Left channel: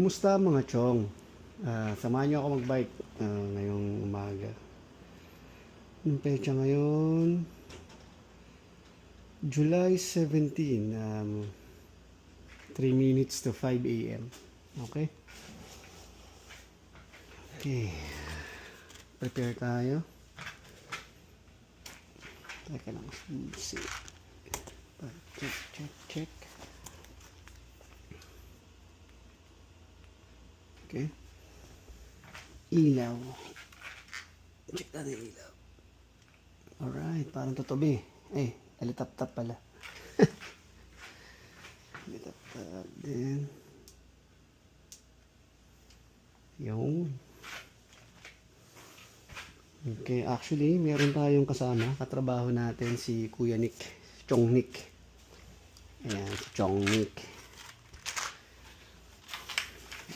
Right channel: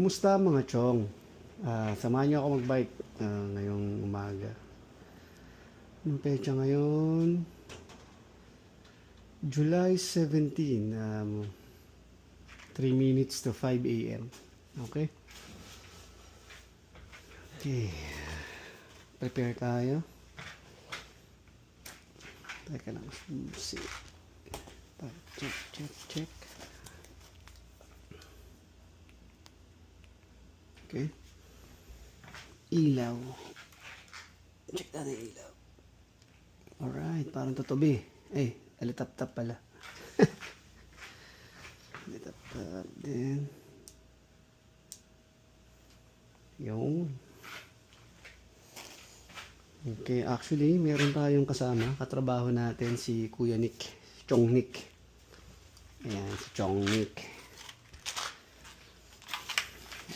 Kumusta mga chong? Samahan niyo ako magbike ngayong umaga. Yung pecha ngayon, July 17, 3 minutes to 5 a.m. Okay? Okay. Prepare tayo. Teka lang. See. Check. Okay. Ilaw. Check natin yung ilaw. Alright, parang tutubi. Alitap-tap pala. Alitap-tap din. Yung. Okay, actually, meron tayong kasama. Katrabaho natin si Kuya Nick. Si Chong Nick. Ayan, si Chong Nick.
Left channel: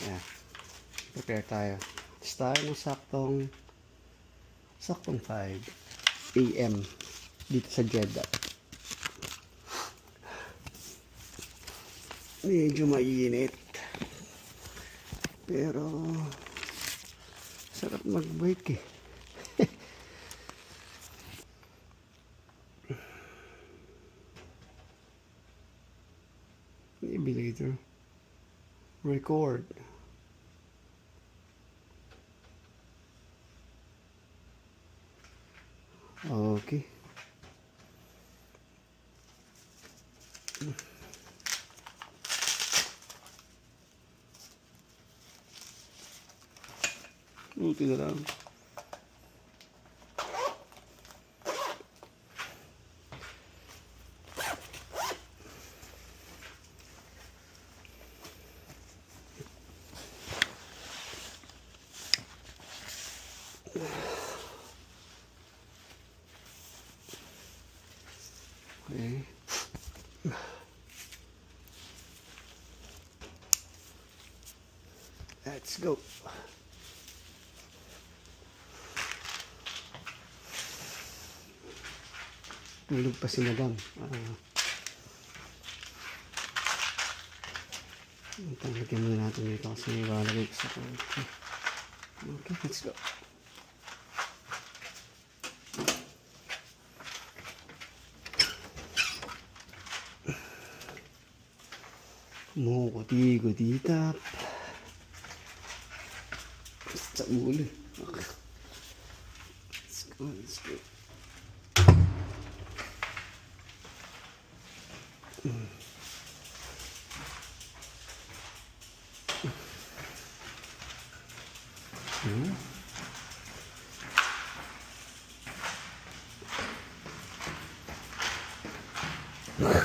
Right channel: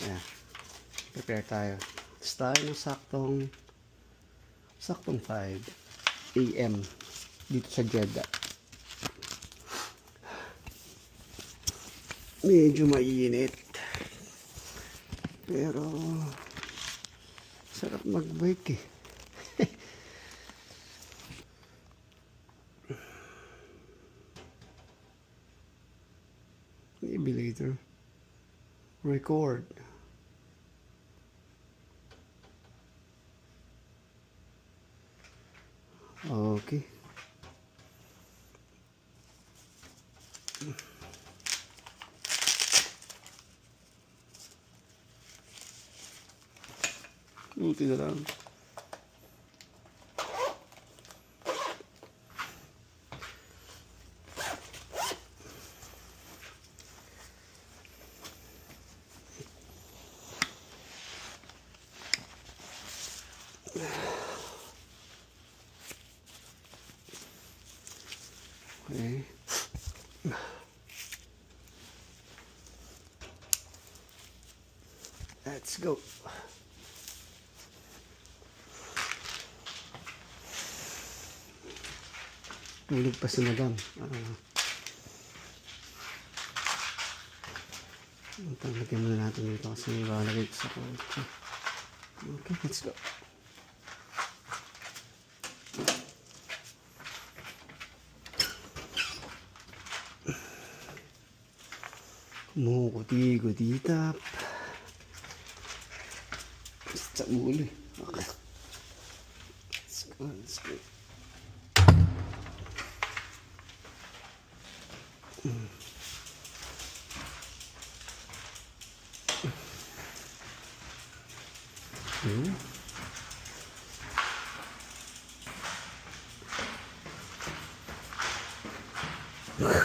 Ayan. Prepare tayo. Tapos tayo ng saktong 5 a.m. dito sa Jeddah. Medyo mainit. Pero sarap mag-bike eh. Maybe later. Record. Okay. Buti na lang. Okay. Let's go. Tulog pa si Madam. Lagyan muna natin dito kasi ilalagay ko sa kotse. Okay, let's go. Gudi-gudi-tap. Sa uli. Okay. Let's go.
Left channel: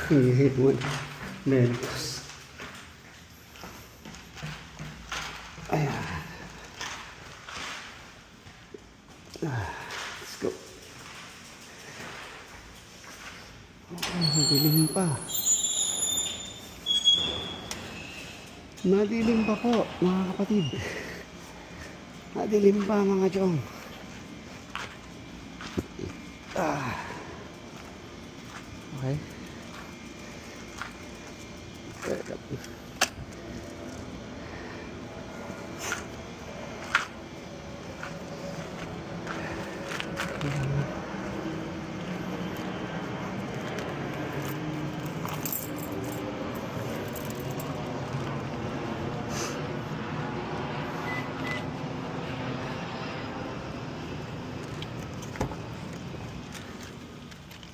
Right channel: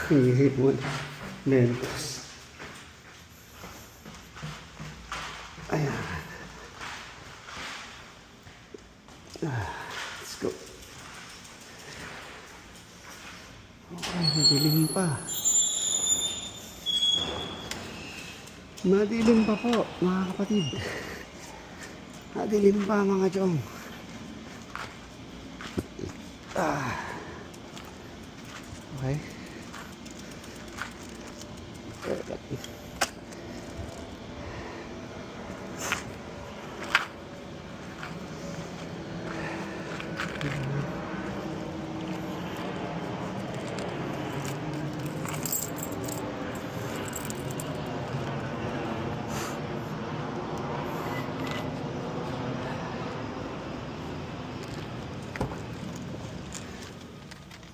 You hit one. Nervous. Ayan. Let's go. Okay, madilim pa. Madilim pa po, mga kapatid. Madilim pa, mga chong. Okay.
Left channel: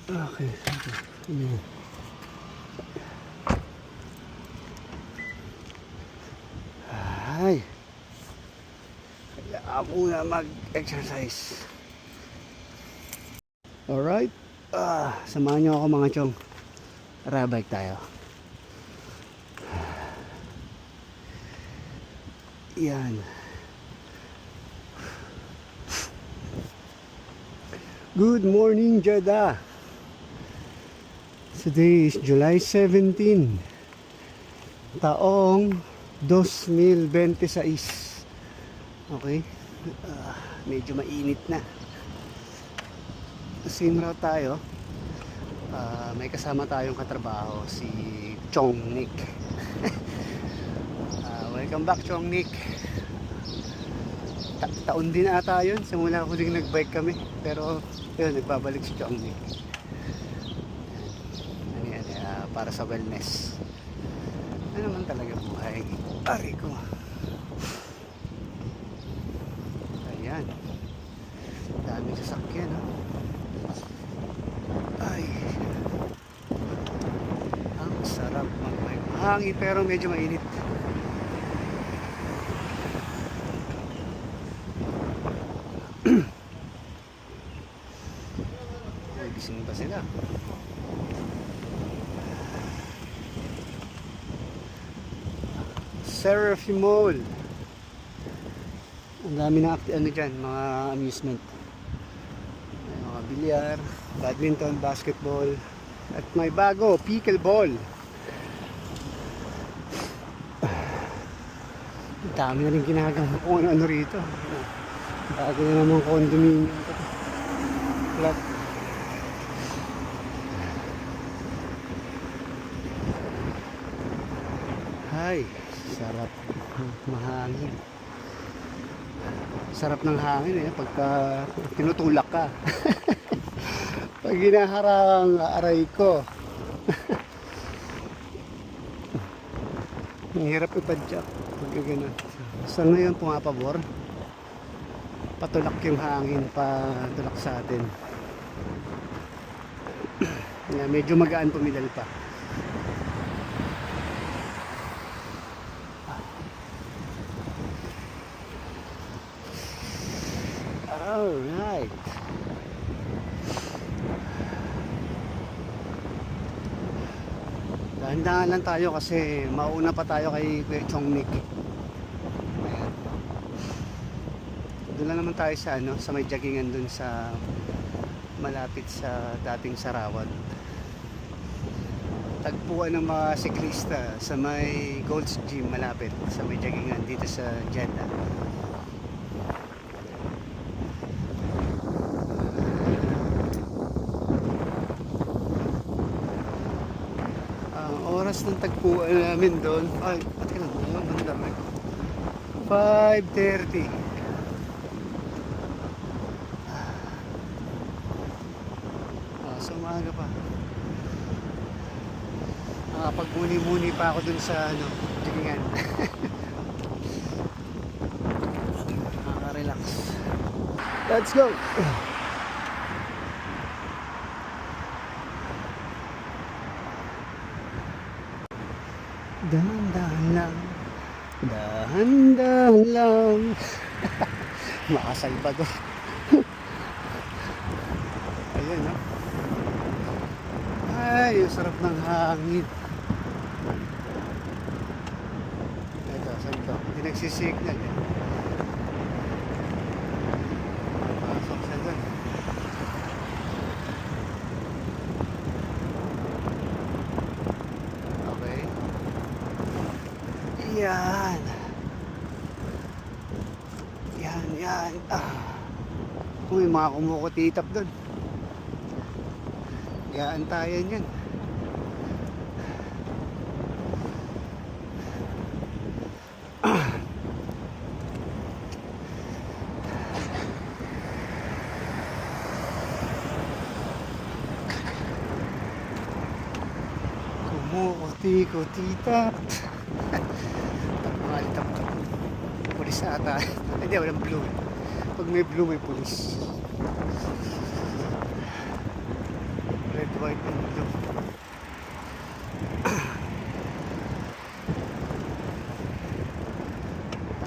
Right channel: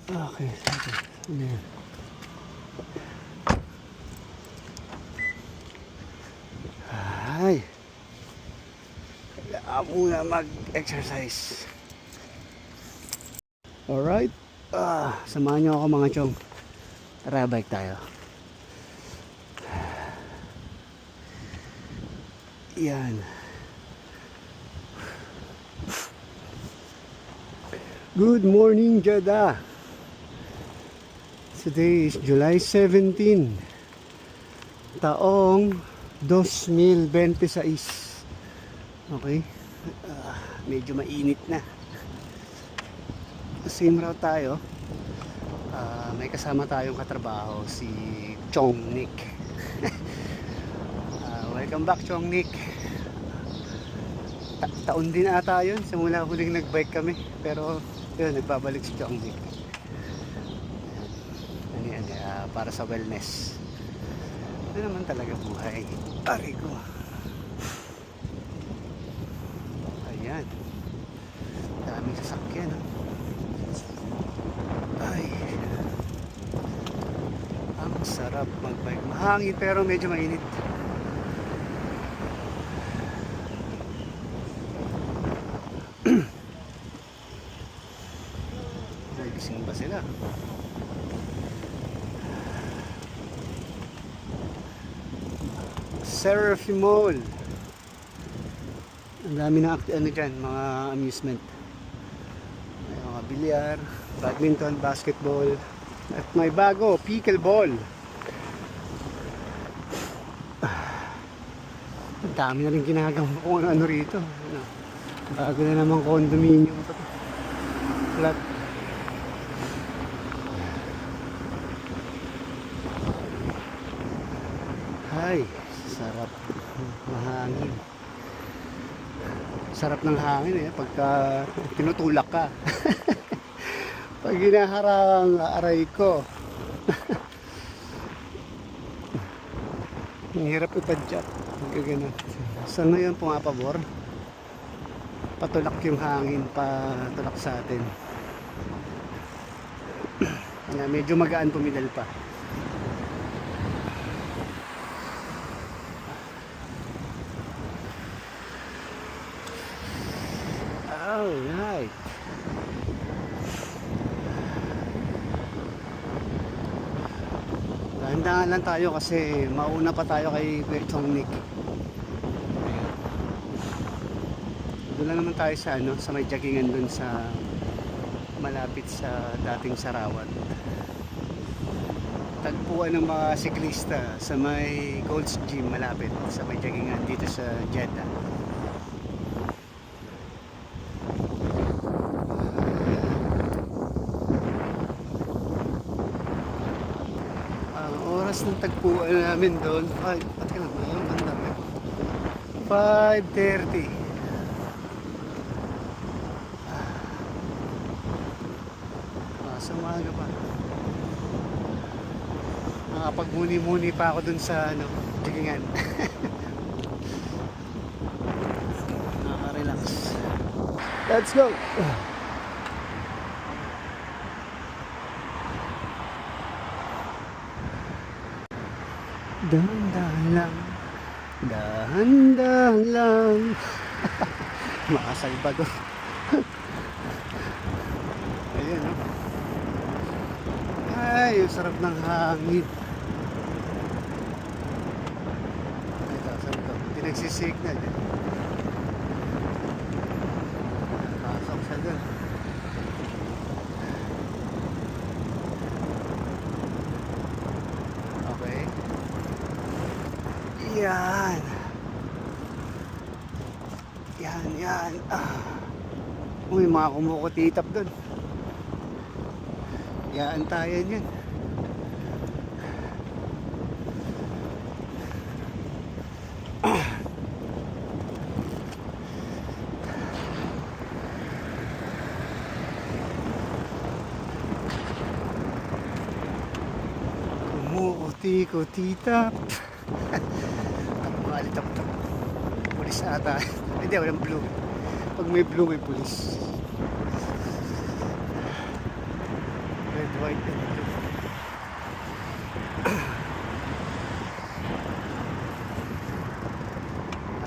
Okay. Ayan. Ay. Kailangan muna mag-exercise. Alright. Samahan nyo ako mga chong. Tara, bike tayo. Yan. Good morning, Jeddah. Today is July 17, taong 2026. Okay? Medyo mainit na. Same route tayo. May kasama tayong katrabaho, si Chong Nick. Welcome back, Chong Nick. Taon din ata yun, simula huling nagbike kami. Pero yun, nagbabalik si Chong Nick. Para sa wellness. Ano naman talaga buhay. Aray ko. Ayan. Daming sasakyan, no? Ay. Ang sarap magbike. Mahangin pero medyo mainit. Ay, gising ba sila? Seraphim Mall. Ang dami na ano dyan, mga amusement. May mga bilyar, badminton, basketball, at may bago, pickleball. Ang dami na rin ginagawa kung ano rito. Bago na namang condominium to. Flat. Ay, sarap. Mahangin. Sarap ng hangin pagka tinutulak ka. Pag ginaharang aray ko. Ang hirap ipadyak. Pagka ganun. So ngayon pumapabor. Patulak yung hangin, patulak sa atin. Medyo magaan pumidal pa. Alright. Dahan-dahan lang tayo kasi mauna pa tayo kay Kuya Chong Nick. Ayan. Doon lang naman tayo sa sa may joggingan doon sa malapit sa dating Sarawat. Tagpuan ng mga siklista sa may Gold's Gym malapit sa may joggingan dito sa Jeddah. Oras ng tagpuan namin doon ay pati lang yung banda 5:30. So umaga pa, nakapagmuni-muni pa ako doon sa joggingan. Nakaka-relax. Let's go. Dahan-dahan lang, dahan-dahan lang. Mga Salvador. Ayan, no? Ay, yung sarap ng hangin. Ito, saan ito? Hindi nagsisignal. Pasok siya dun. Okay. Yan. Yan. May mga kumukutitap doon. Yaantayan yan. Kumukuti-kutitap. Mga alitap-tap. Pulis ata. Hindi, walang blue. Pag may blue, may pulis. Red, white, and blue.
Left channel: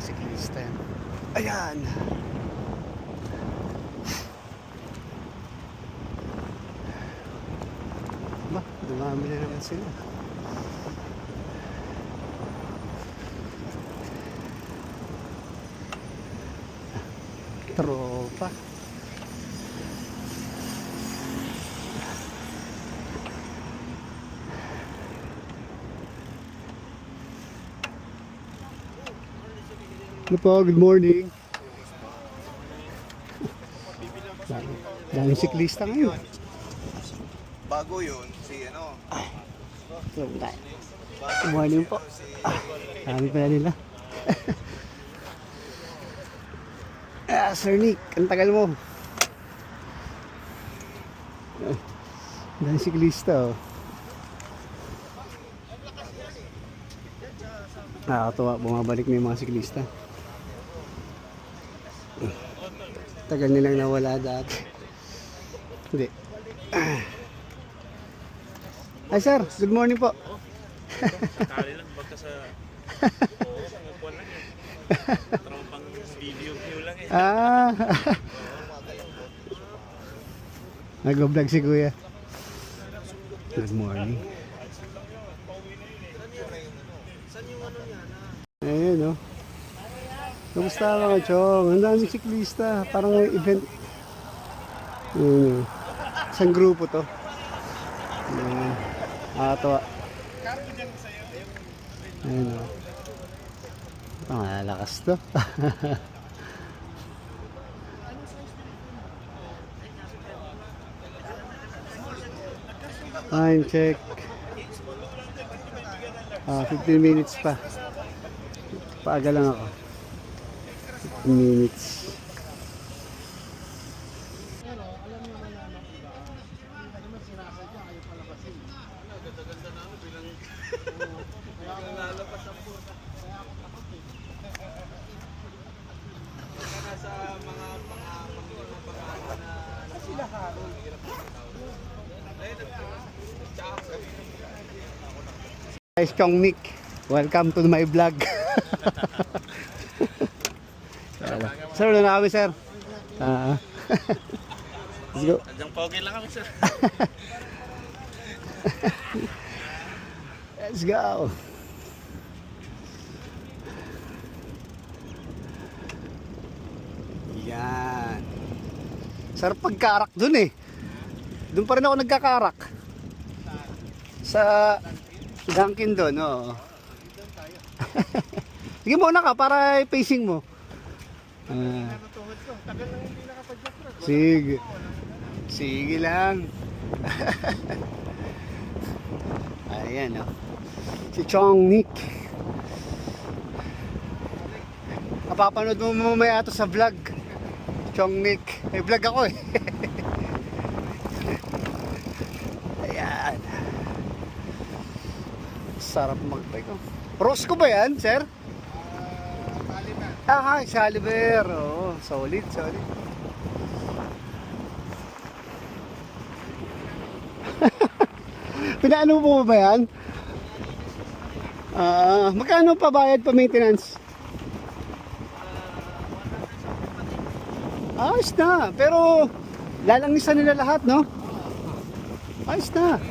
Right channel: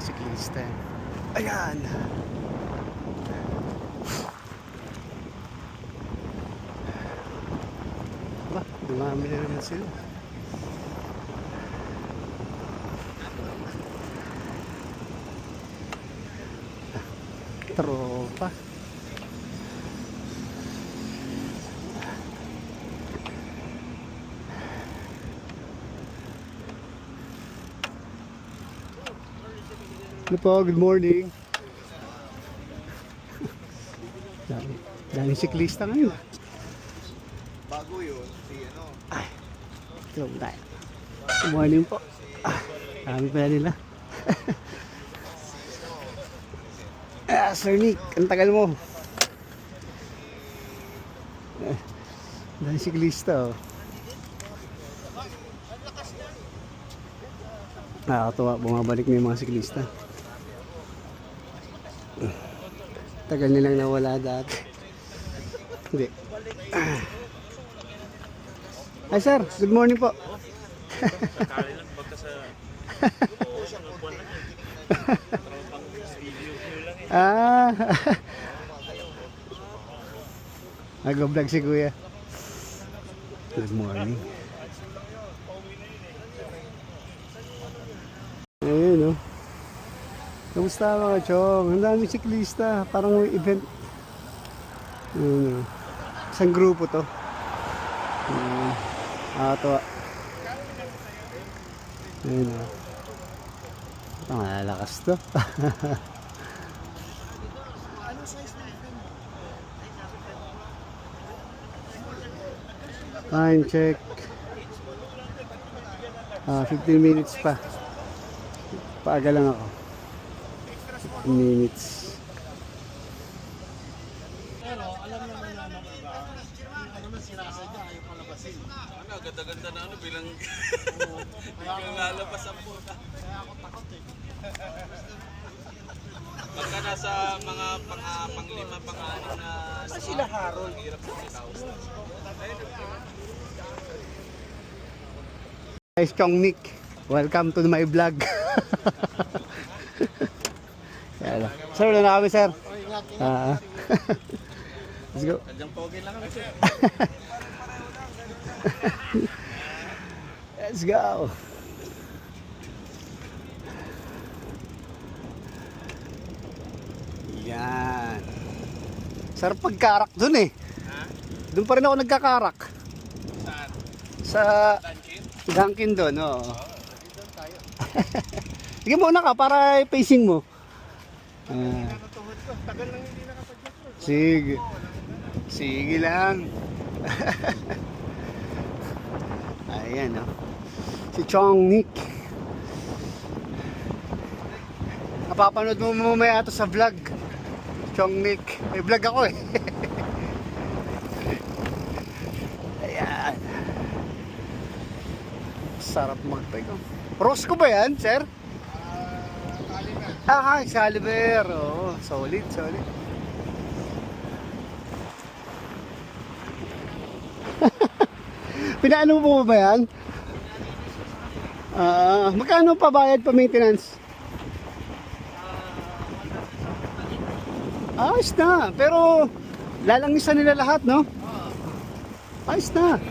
Siklista yan. Ayan! Ba, dumami na naman sila. Tropa. Ano po, good morning. Daming siklista ngayon. Bago yun, si ano. Ay, ito tayo. Good morning po. Dami pala nila. Ah, Sir Nick, ang tagal mo. Dahil siklista, oh. Nakakatuwa, bumabalik na yung mga siklista. Tagal nilang nawala dati. Hindi. Hi sir, good morning po. Sakali lang baka sa oo, mga kwan lang yun. Tropang video lang eh. Ah. Nag-vlog si kuya. Good morning. Ayun, oh. Kamusta mga chong? Ang daming siklista. Parang may event. Ayun, oh. Isang grupo to. Ayan. Nakakatawa. Ayun, oh. Pangalakas to. Time check. 15 minutes pa. Paaga lang ako. 15 minutes. Ganda-ganda na ano bilang lalabas ang puta. Pagka nasa mga panglima, pangalan na sila Harold, hirap na Guys, Chong Nick, welcome to my vlog. Sir, wala na kami, sir. Let's go. Hanggang pogi lang kami sir. Let's go. Yan. Sarap pagkarak dun eh. Dun pa rin ako nagkakarak. Sa Dunkin doon, oo. Sige muna ka para pacing mo. Sige. Sige lang. Ayan, oh. Si Chong Nick. Napapanood mo mamaya ito sa vlog. Chong Nick. May vlog ako eh. Ayan. Sarap mag-bike, oh. Rosco ba yan, sir? Caliber. Oo, solid, solid. Pinaano mo ba yan? Magkano pa bayad pa maintenance? Ayos na, pero lalangisan nila lahat, no? Ayos na.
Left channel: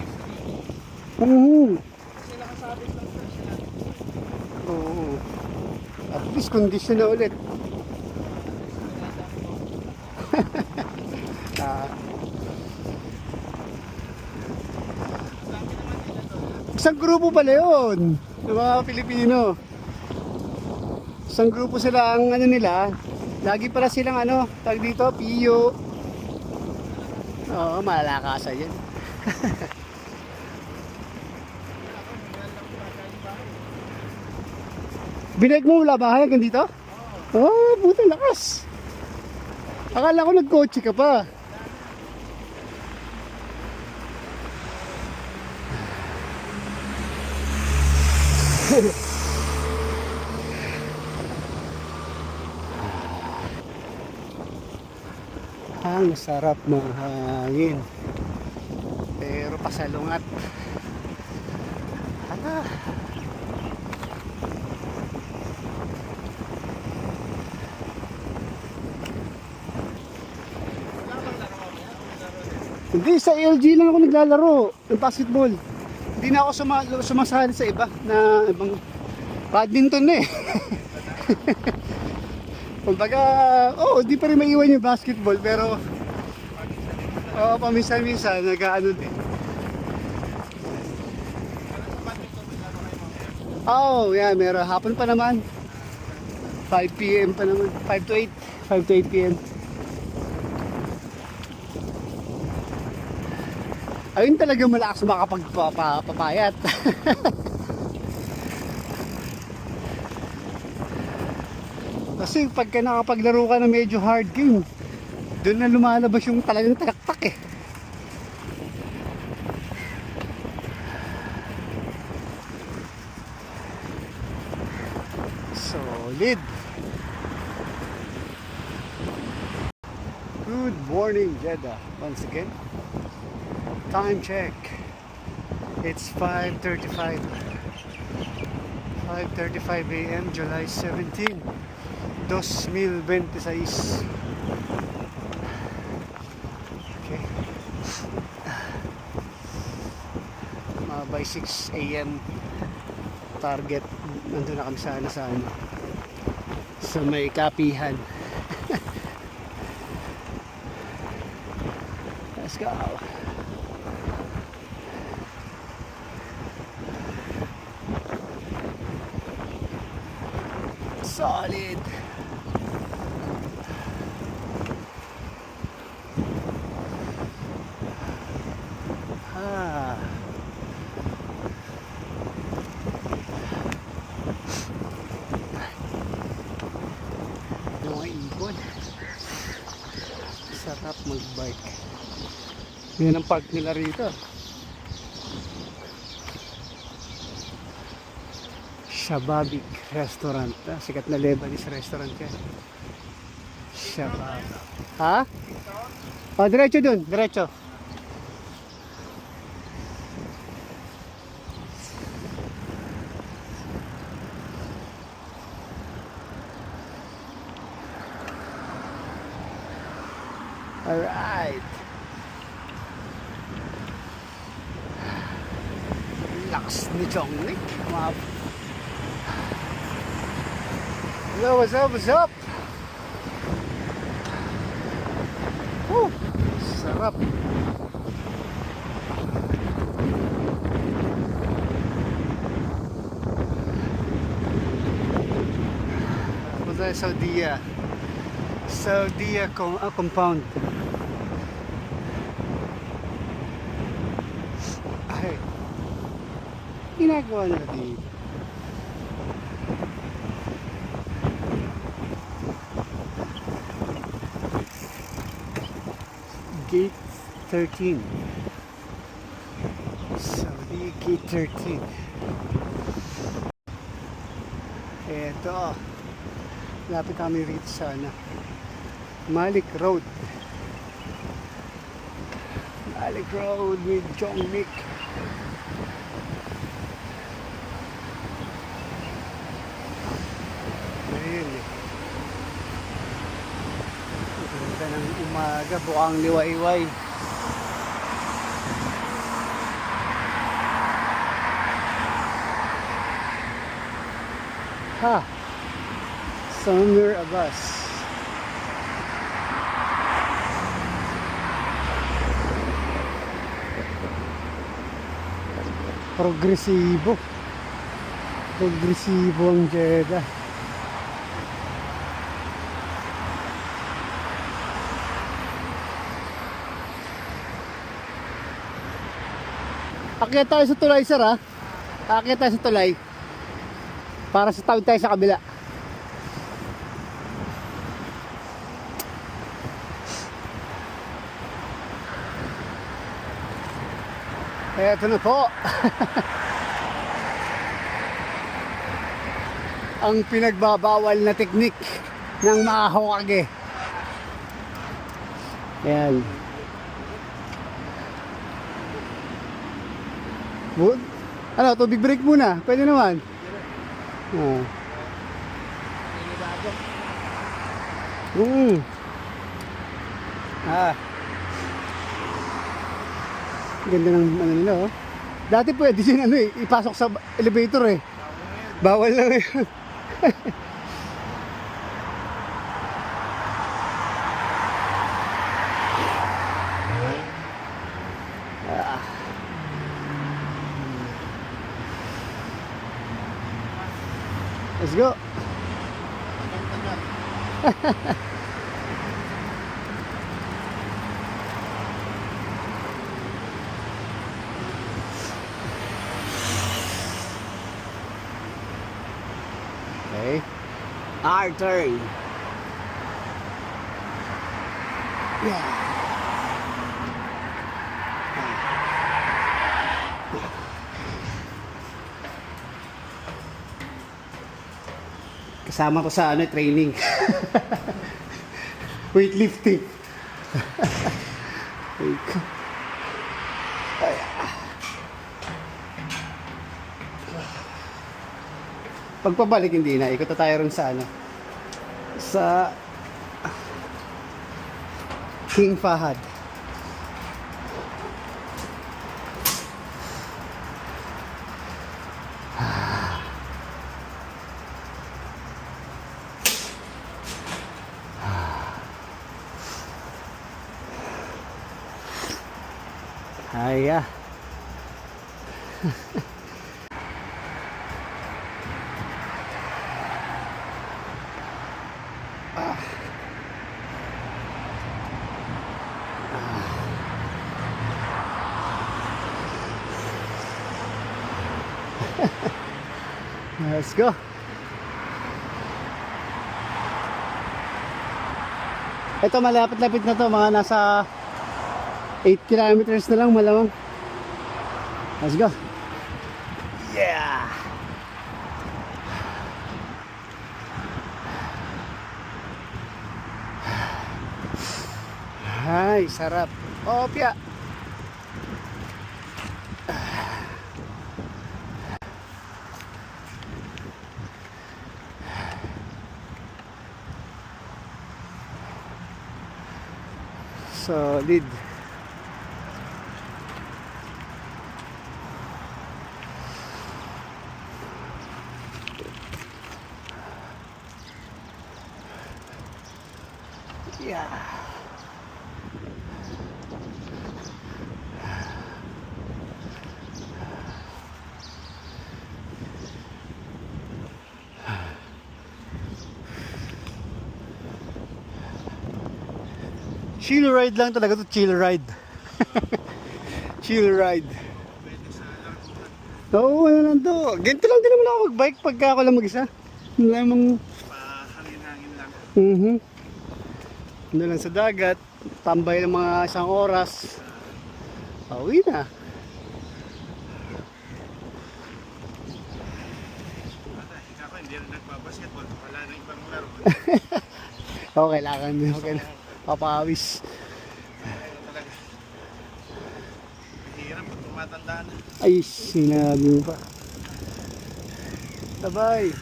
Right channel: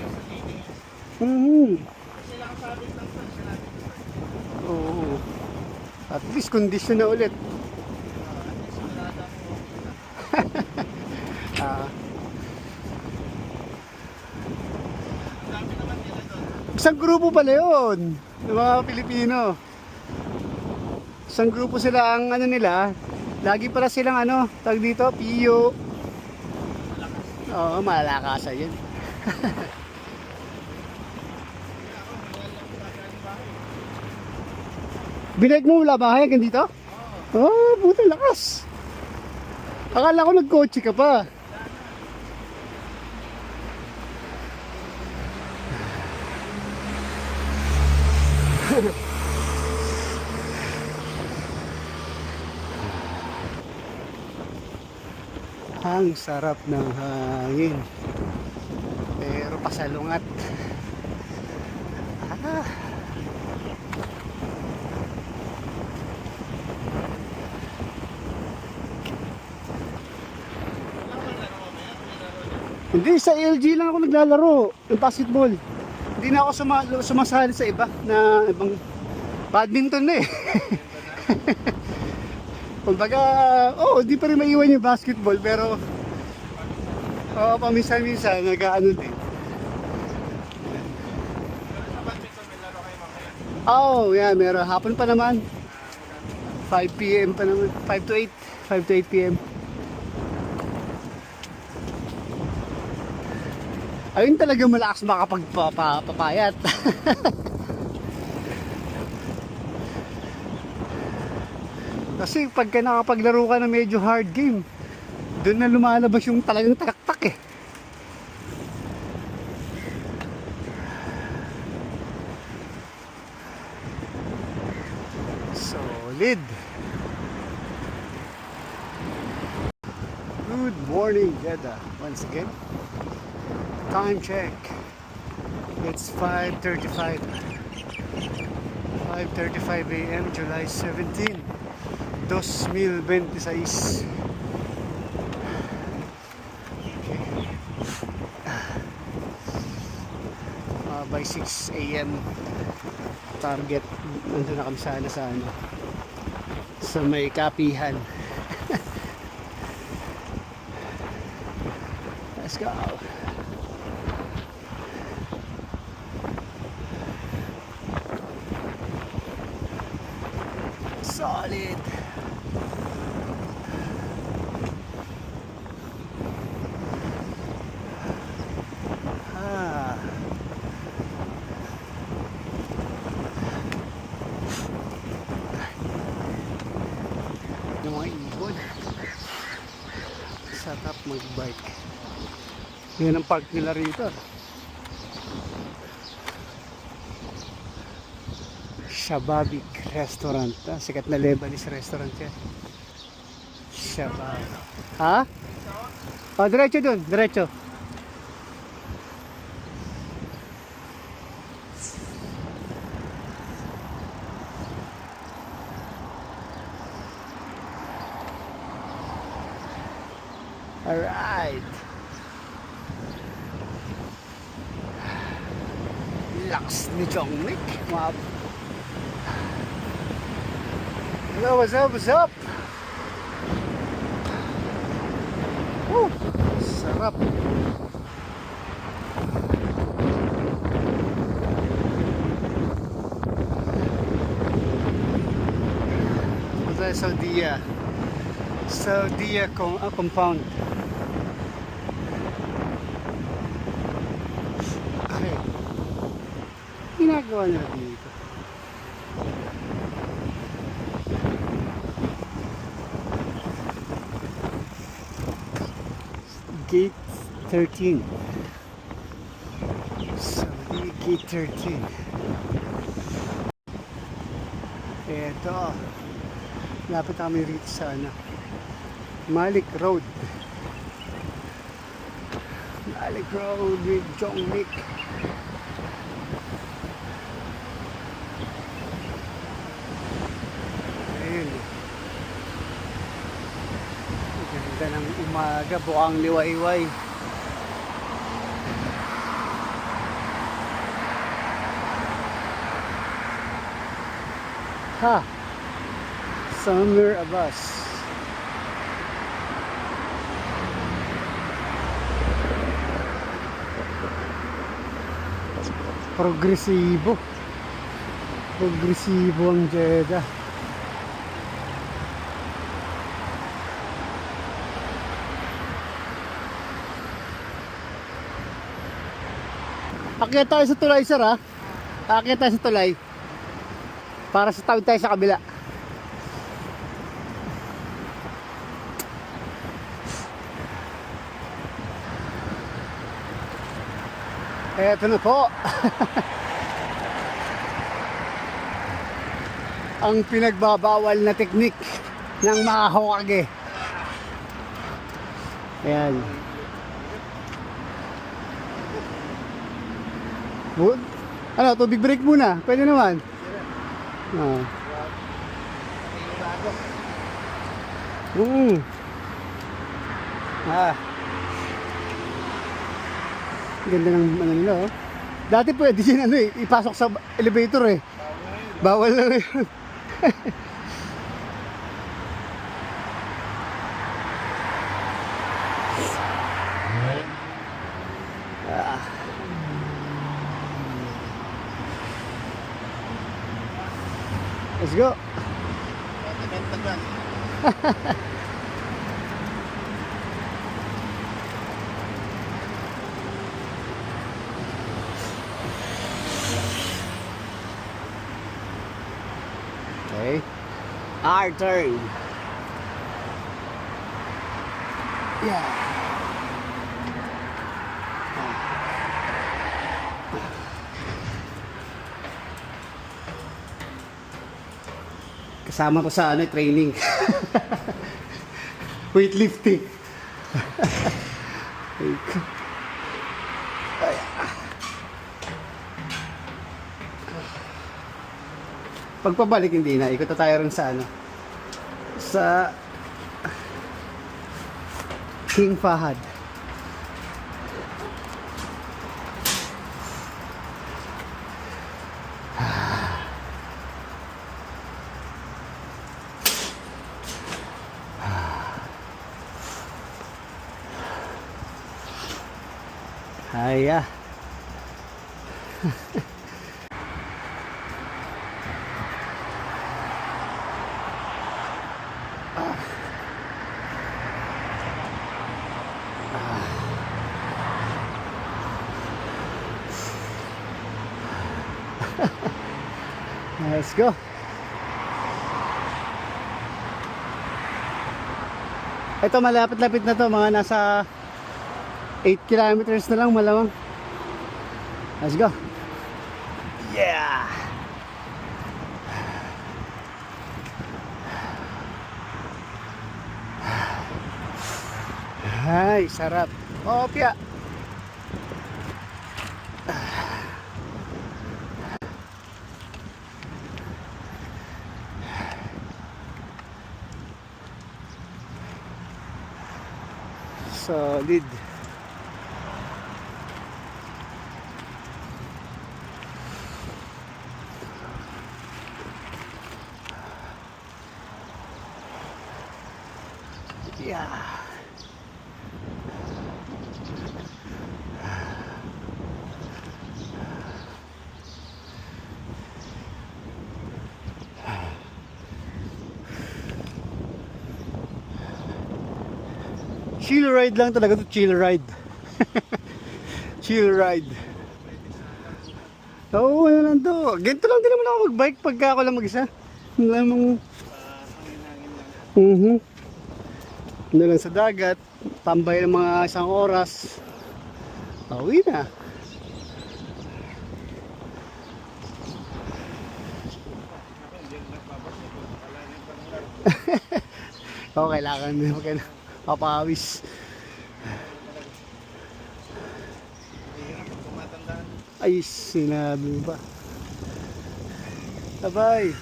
Oo. At least condition na ulit. Isang grupo pala yun, ng mga Pilipino. Isang grupo sila ang ano nila, lagi pala silang ano, tag dito, Pio. Oo, malakasan yan. Binag mo mula bahay hanggang dito? Oh, buti lakas. Akala ko nagkotse ka pa. Ang sarap ng hangin. Pero pasalungat. Hindi, sa LG lang ako naglalaro ng basketball. Hindi na ako sumasali sa iba na ibang badminton na eh. Kumbaga, di pa rin maiwan yung basketball pero paminsan-minsan nag-ano din. Yeah, meron. Hapon pa naman. 5 PM pa naman. 5 to 8 PM. Ayun talaga malakas makapagpapayat. Kasi pagka nakapaglaro ka na medyo hard game, doon na lumalabas yung talagang taktak eh. Solid. Good morning, Jeddah. Once again, time check. It's 5:35. 5:35 a.m. July 17, 2026. Okay. By 6 a.m. target, nandun na kami sana sa ano, sa may kapihan. Let's go. Solid. Ah. Yung mga ibon. Sarap mag-bike. Yan ang park nila rito. Shababik Restaurant. Sikat na Lebanese restaurant yan. Shabab. Ha? O, diretso dun. Diretso. Alright. Lakas ni Jongnik. Hello, what's up, what's up? Woo, sarap. Punta sa Saudia compound. Ay, ginagawa nila dito. Gate 13. Saudi Gate 13. Eto. Lapit kami rito sa ano, Malik Road. Malik Road with Jongnik. Ayun eh. Ganda ng umaga, bukang liwayway. Ha! Samir Abbas. Progresibo. Progresibo ang Jeddah. Akyat tayo sa tulay, sir, ha? Akyat tayo sa tulay. Para sa tawid tayo sa kabila. Eto na po. Ang pinagbabawal na teknik ng mga Hokage. Ayan. Ano, tubig break muna. Pwede naman. Ah. Ah. Ganda ng ano nila, oh. Dati pwede din ano eh, ipasok sa elevator eh. Bawal na ngayon. Ah. Let's go. Okay. Our turn. Yeah. Kasama ko sa training. Weightlifting. Ay. Pagpabalik hindi na. Ikot na tayo rin sa sa King Fahad. Haya. Let's go. Ito malapit-lapit na to, mga nasa 8 kilometers na lang malamang. Let's go. Yeah. Ay, sarap. Opya. Solid. Yeah. Chill ride lang talaga to, chill ride. Chill ride. Oo, ano lang to. Ganito lang din naman ako mag-bike pagka ako lang mag-isa. Lamang ano lang sa dagat, tambay ng mga 1 oras. Pauwi na. Oo, kailangan din. Papawis. Ay, sinabi mo pa. Bye-bye.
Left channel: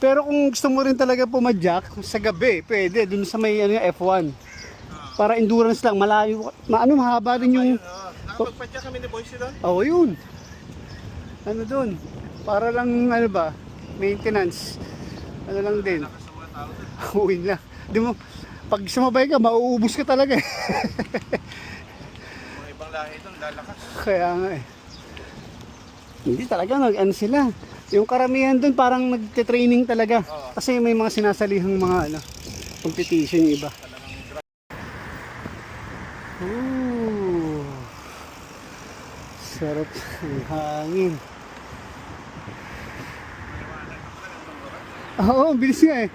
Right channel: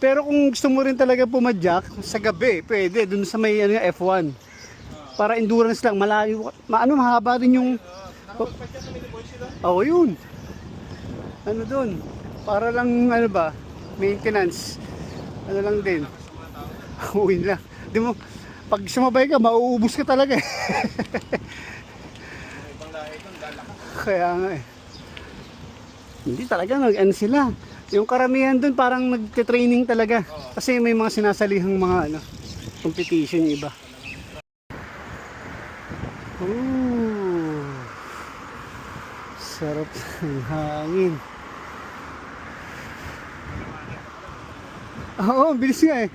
Pero kung gusto mo rin talaga pumadyak sa gabi, pwede dun sa may F1. Para endurance lang, malayo, mahaba rin yung Nakapagpadyak kami ni Boyce doon. Oo, yun. Ano dun? Para lang maintenance. Ano lang din. Uwin lang. Di mo, pag sumabay ka, mauubos ka talaga eh. Mga ibang lahi doon, lalakas. Kaya nga eh. Hindi talaga, ano sila. Yung karamihan dun parang nagte-training talaga. Kasi may mga sinasalihang mga competition yung iba. Ooh. Sarap ng hangin. Oo, bilis nga eh.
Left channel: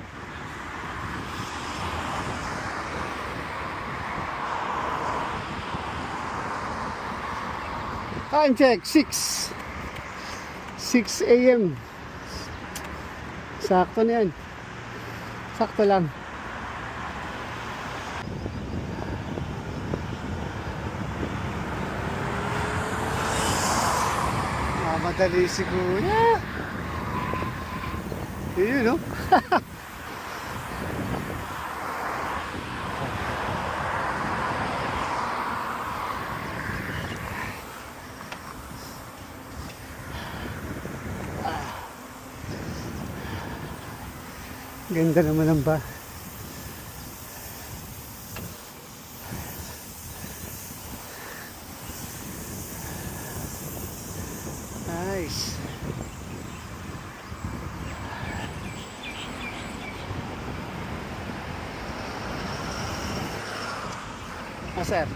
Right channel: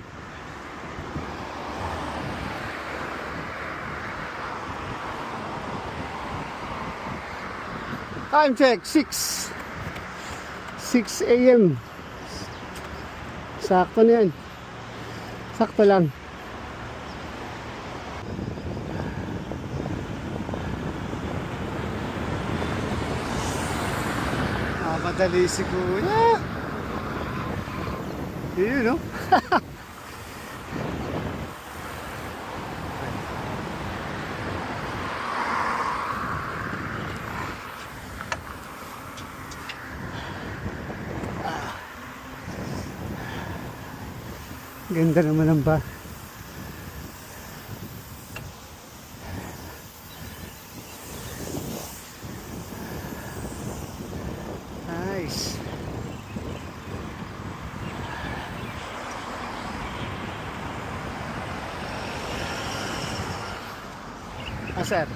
Time check, 6 a.m. Sakto na yan. Sakto lang. Madali si Kuya. Yun, no? Ganda naman ang ba. Nice. Sir.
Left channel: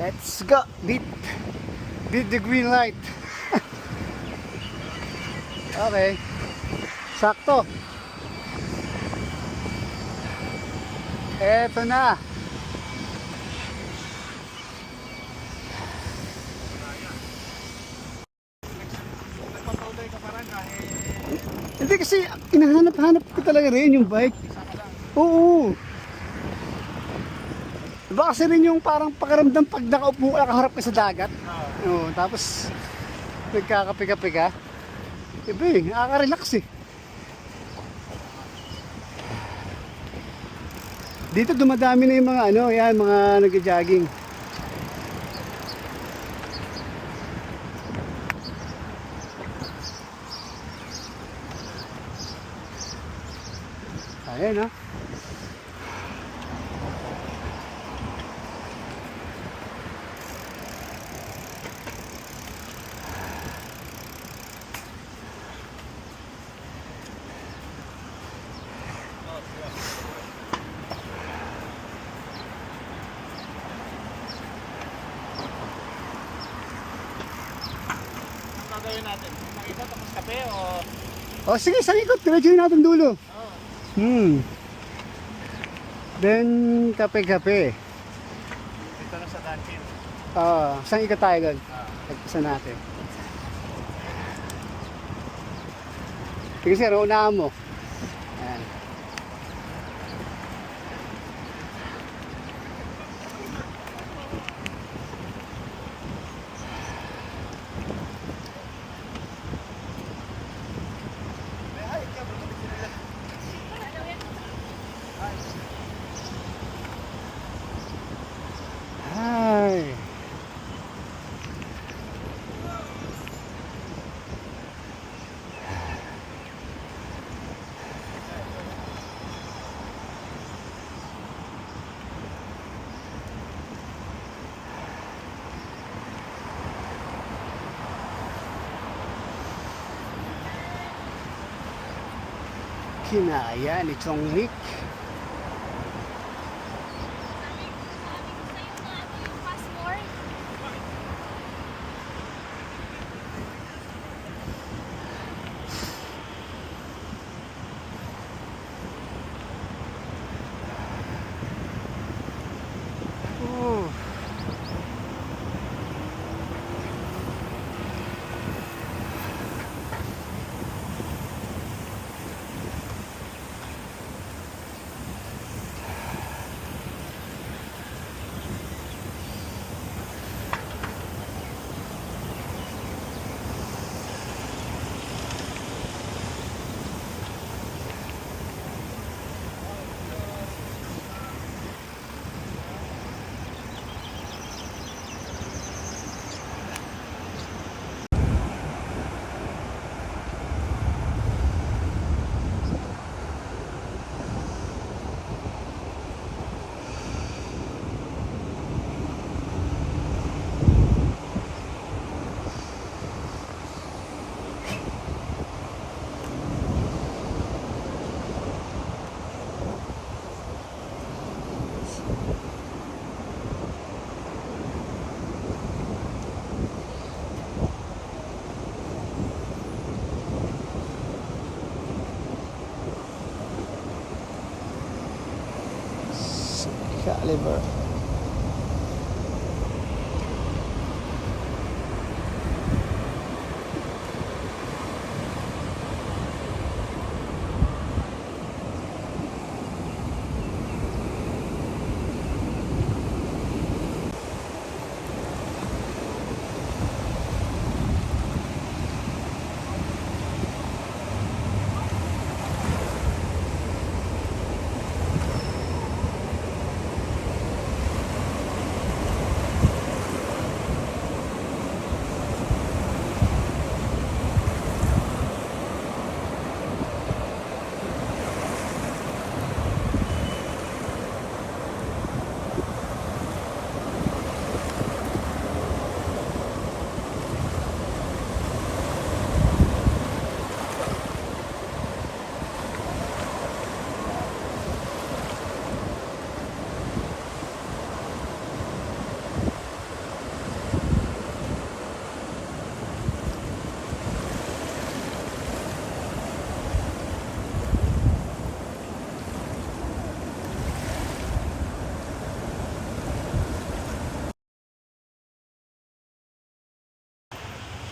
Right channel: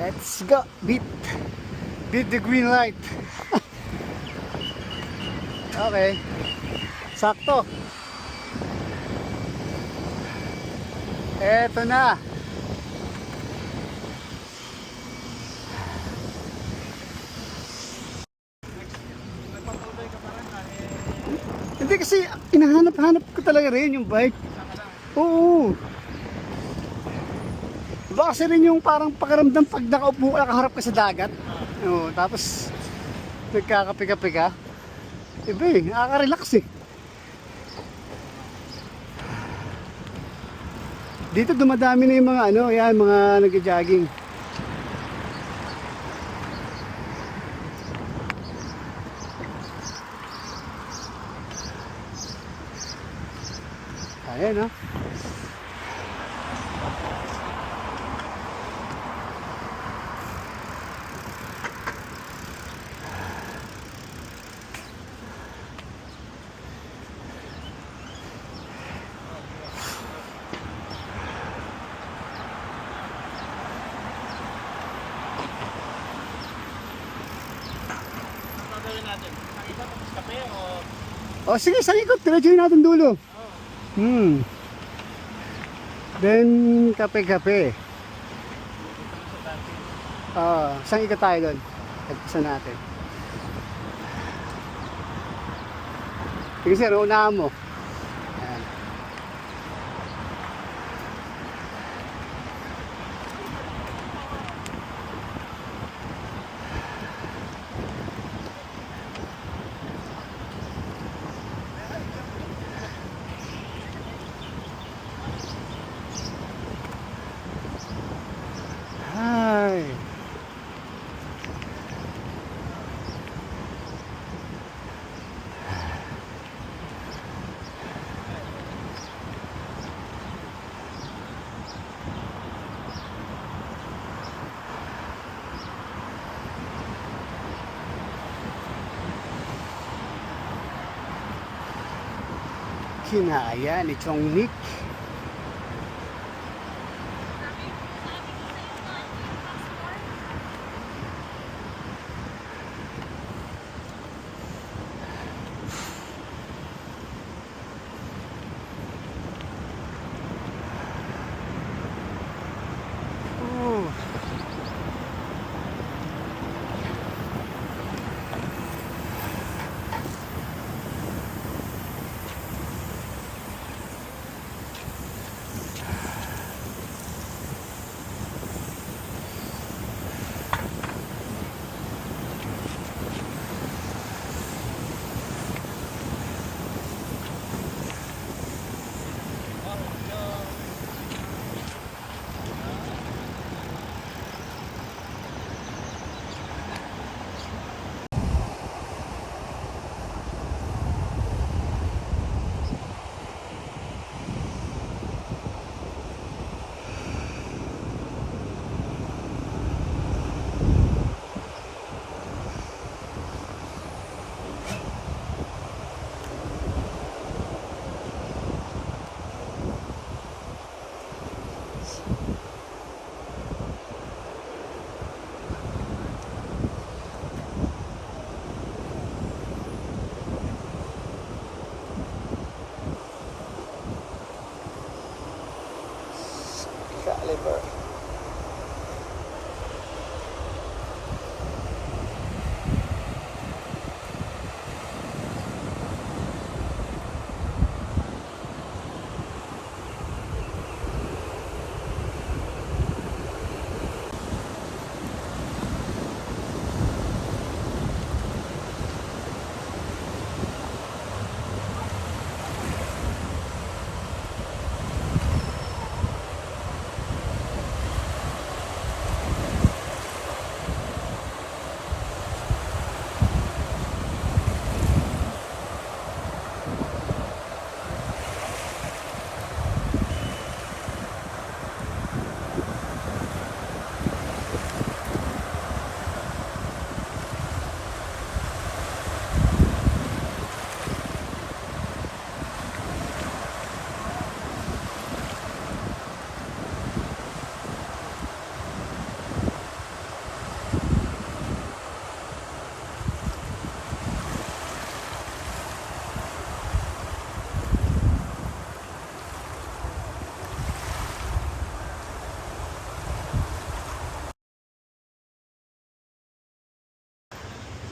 Let's go. Beat the green light. Okay. Sakto. Eto na. Hindi kasi inahanap-hanap ko talaga rin yung bike. Oo. Iba kasi rin yung parang pakiramdam pag nakaupo, nakaharap ka sa dagat. Oo, tapos nagkakape-kape ka. Iba eh, nakaka-relax eh. Dito dumadami na yung mga ano, yan, mga nag-jogging. Ayan, no? Ano gagawin natin? Nakita tapos kape o... O sige, sa ikot, diretsuhin natin dulo. Then, kape-kape. Dito na sa canteen. Saan ikot tayo doon? Tagpasan natin. Sige sir, unahan mo. Ayan. Hi. Kinaya ni Chong Nick. Oh.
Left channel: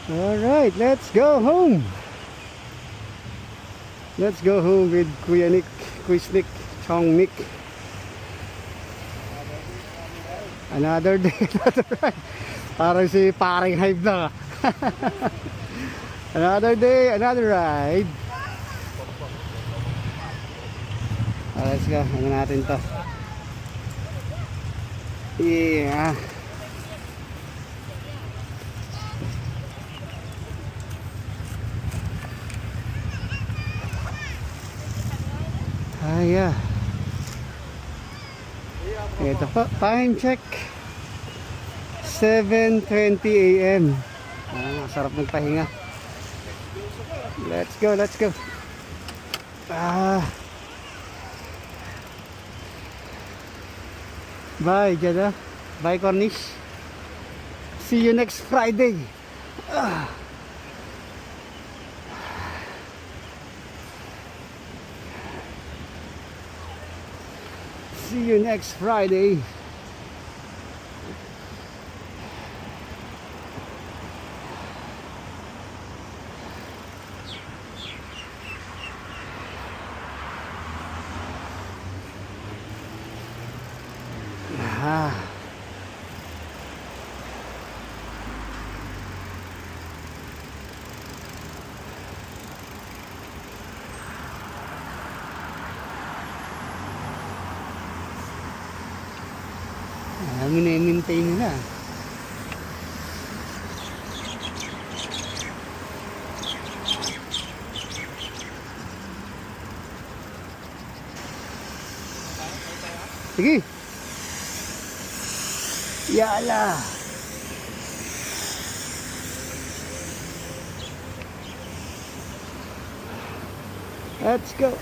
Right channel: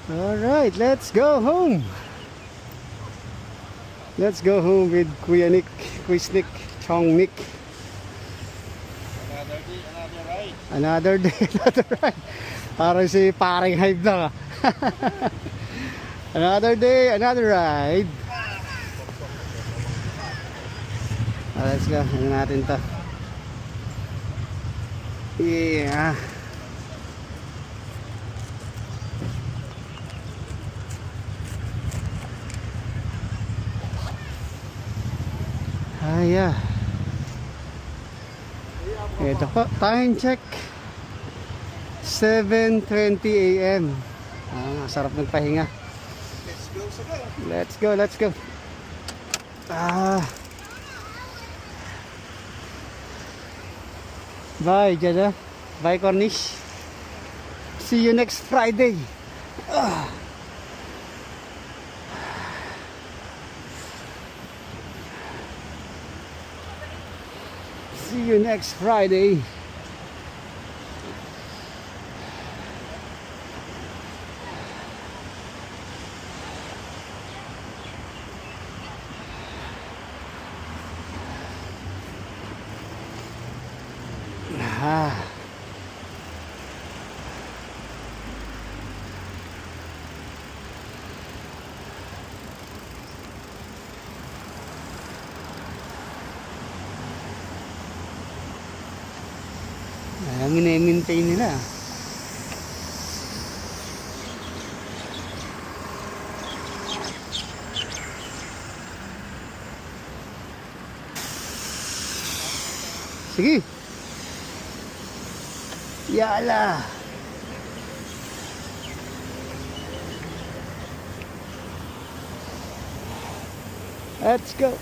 Alright, let's go home. Let's go home with Kuya Nick, Quiz Nick, Chong Nick. Another day, another ride. Parang si paring hype na. Another day, another ride. Let's go, ano natin to. Yeah. Yeah. Ito po, time check 7:20 AM. Sarap magpahinga. Let's go, let's go. Bye, Jada. Bye, Cornish. See you next Friday. See you next Friday. Mini-maintain nila. Sige. Yala. Let's go.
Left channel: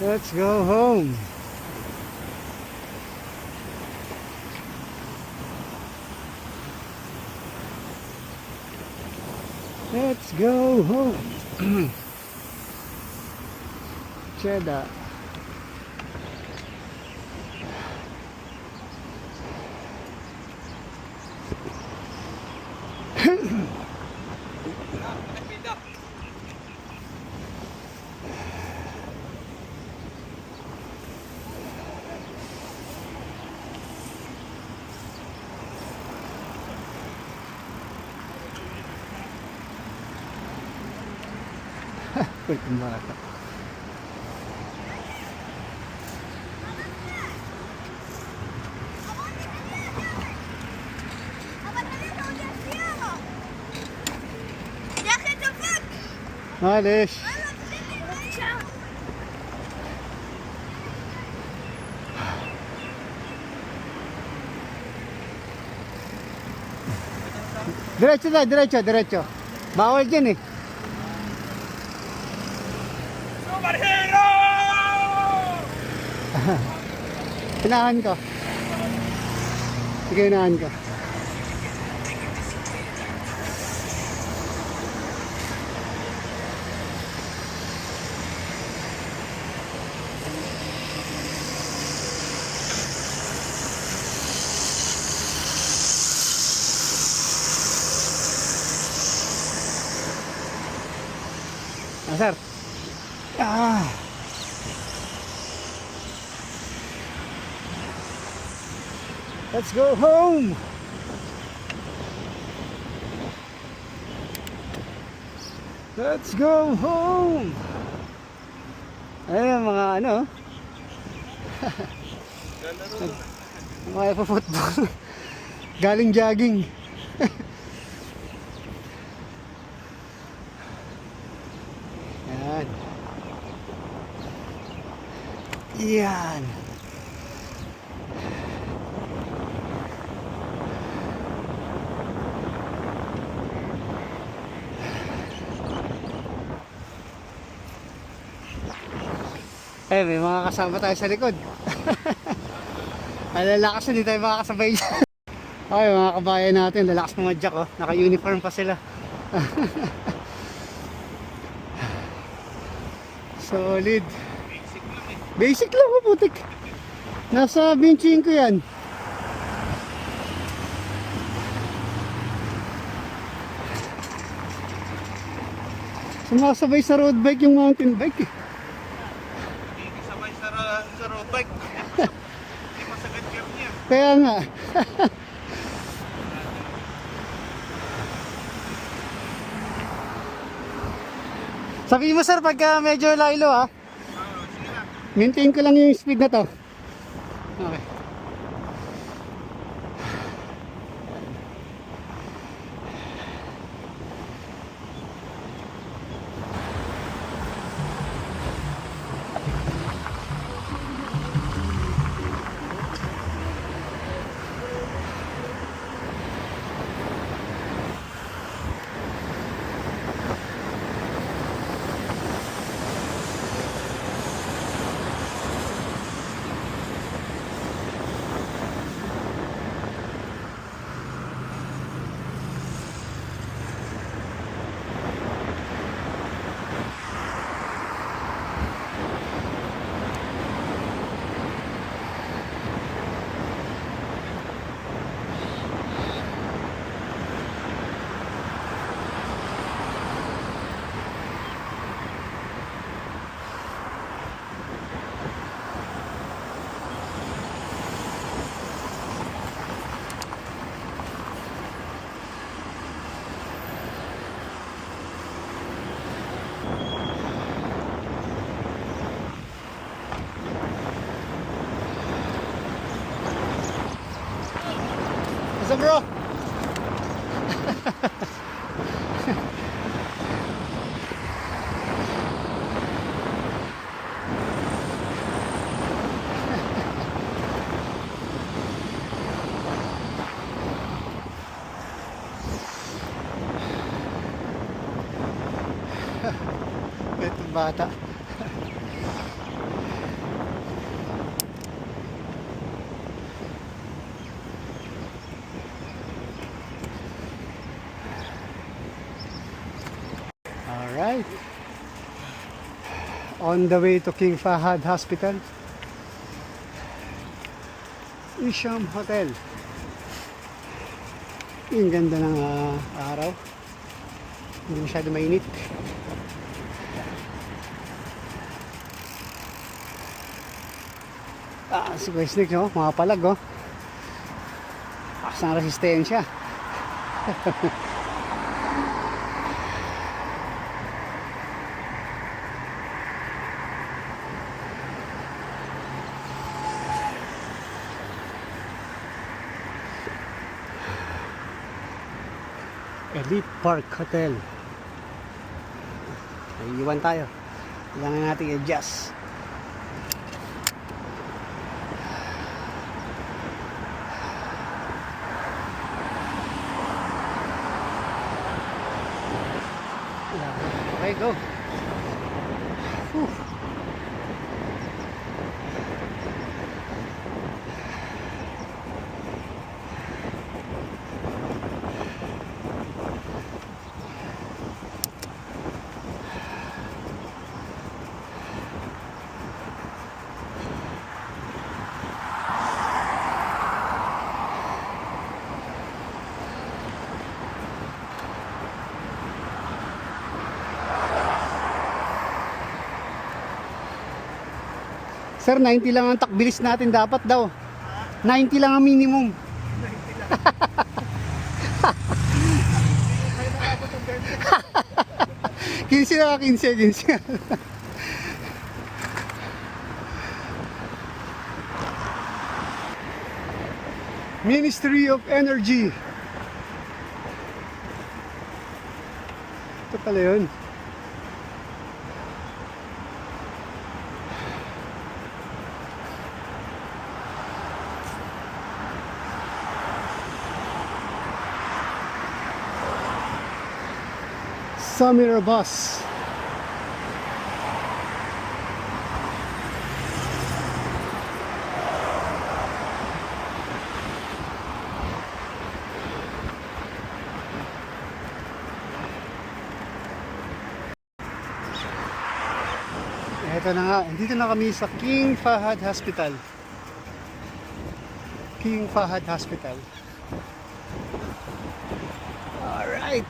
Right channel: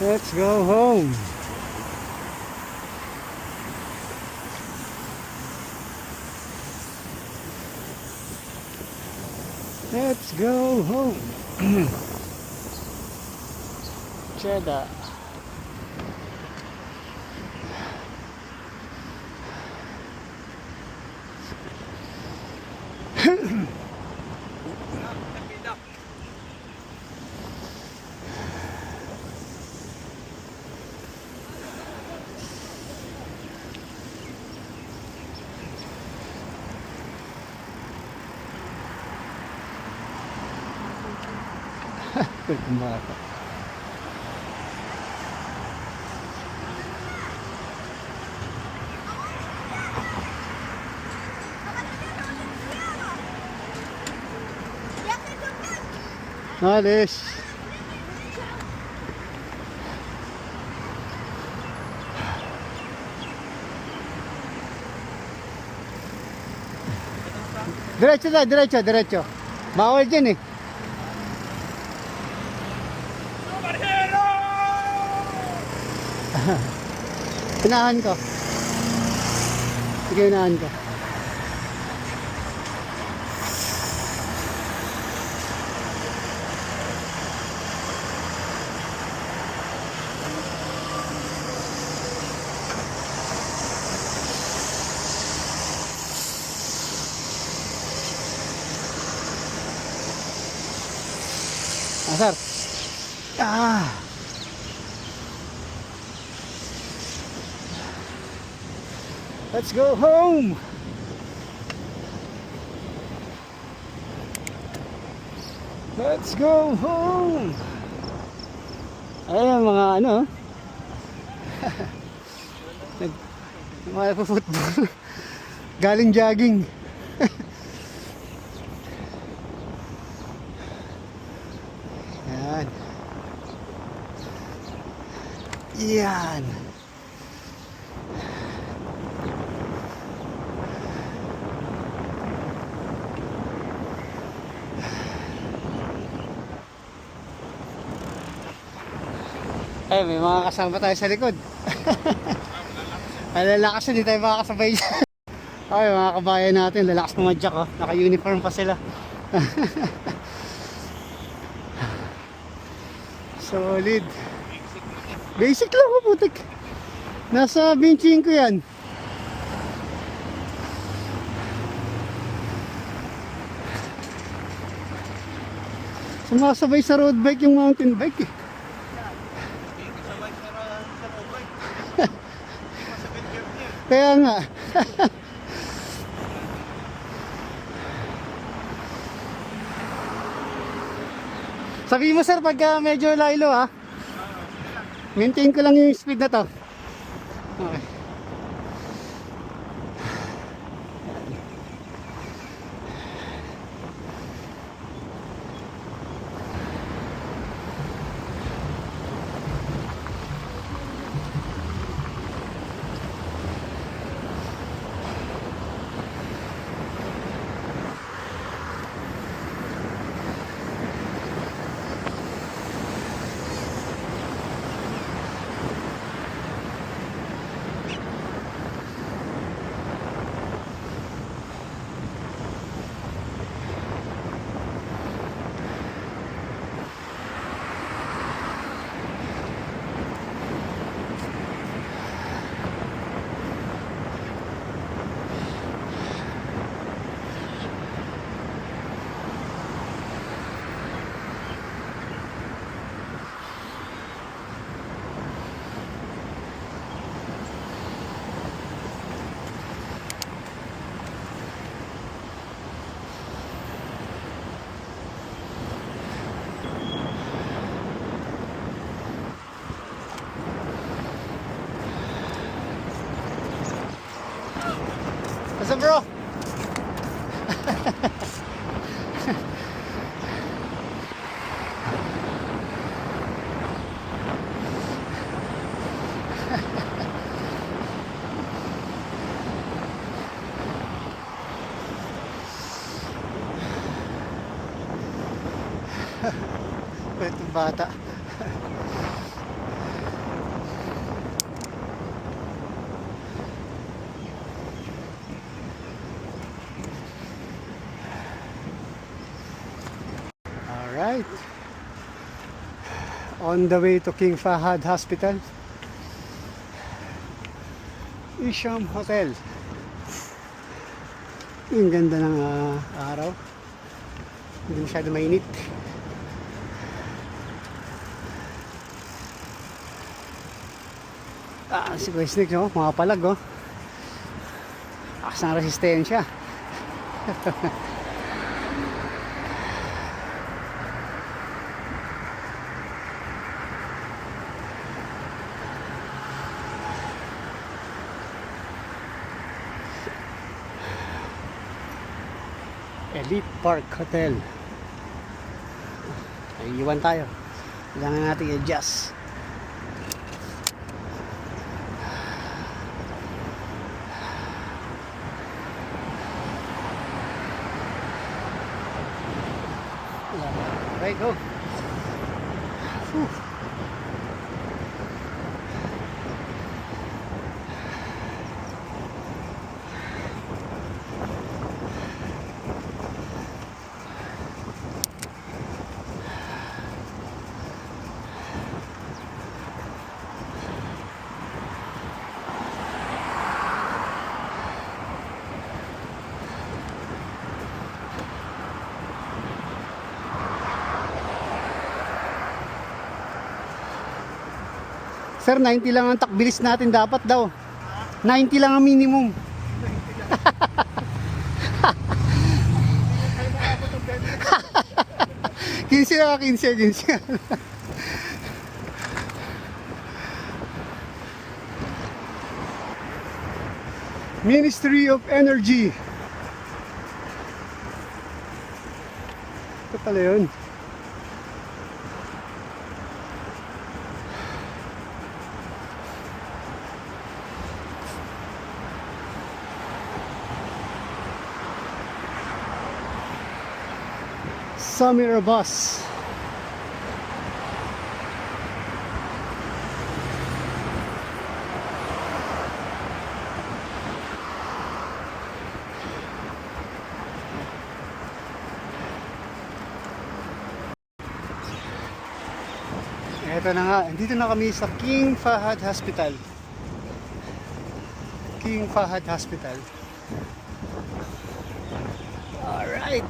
Let's go home. Let's go home. Cheddar. Pwede bata. Alis. Diretso na, diretso, diretso. Bawal dyan eh. Unahan ko. Sige, unahan ko. Sir. Let's go home. Let's go home. Ayun mga ano. Mga football. Galing jogging. Yan. Yan. Eh, may mga kasama tayo sa likod. Alalakas, hindi tayo makakasabay. Ay, mga kabayan natin, lalakas pumadyak oh. Naka-uniform pa sila. Solid. Basic lang po, putik. Nasa 25 yan. Sumasabay sa road bike yung mountain bike eh. Sabay sa road bike. Masagad kami yan. Kaya nga. Sabi mo sir, pagka medyo laylo ha. Maintain ko lang yung speed na to. Okay. What's up, bro? Itong bata. Alright. On the way to King Fahad Hospital. Isham Hotel. Yung ganda ng araw. Hindi masyado mainit. Si Kuya Snake, oh, mga palag, oh. Akas ng resistensya. Elite Park Hotel. Ay, iwan tayo. Kailangan natin i-adjust. Okay, go. Whew. Sir, 90 lang ang takbilis natin dapat daw. 90 lang ang minimum. 15 na, 15. Ministry of Energy. Ito pala yun. Samira bus. Ito na nga, dito na kami sa King Fahad Hospital. King Fahad Hospital. Alright.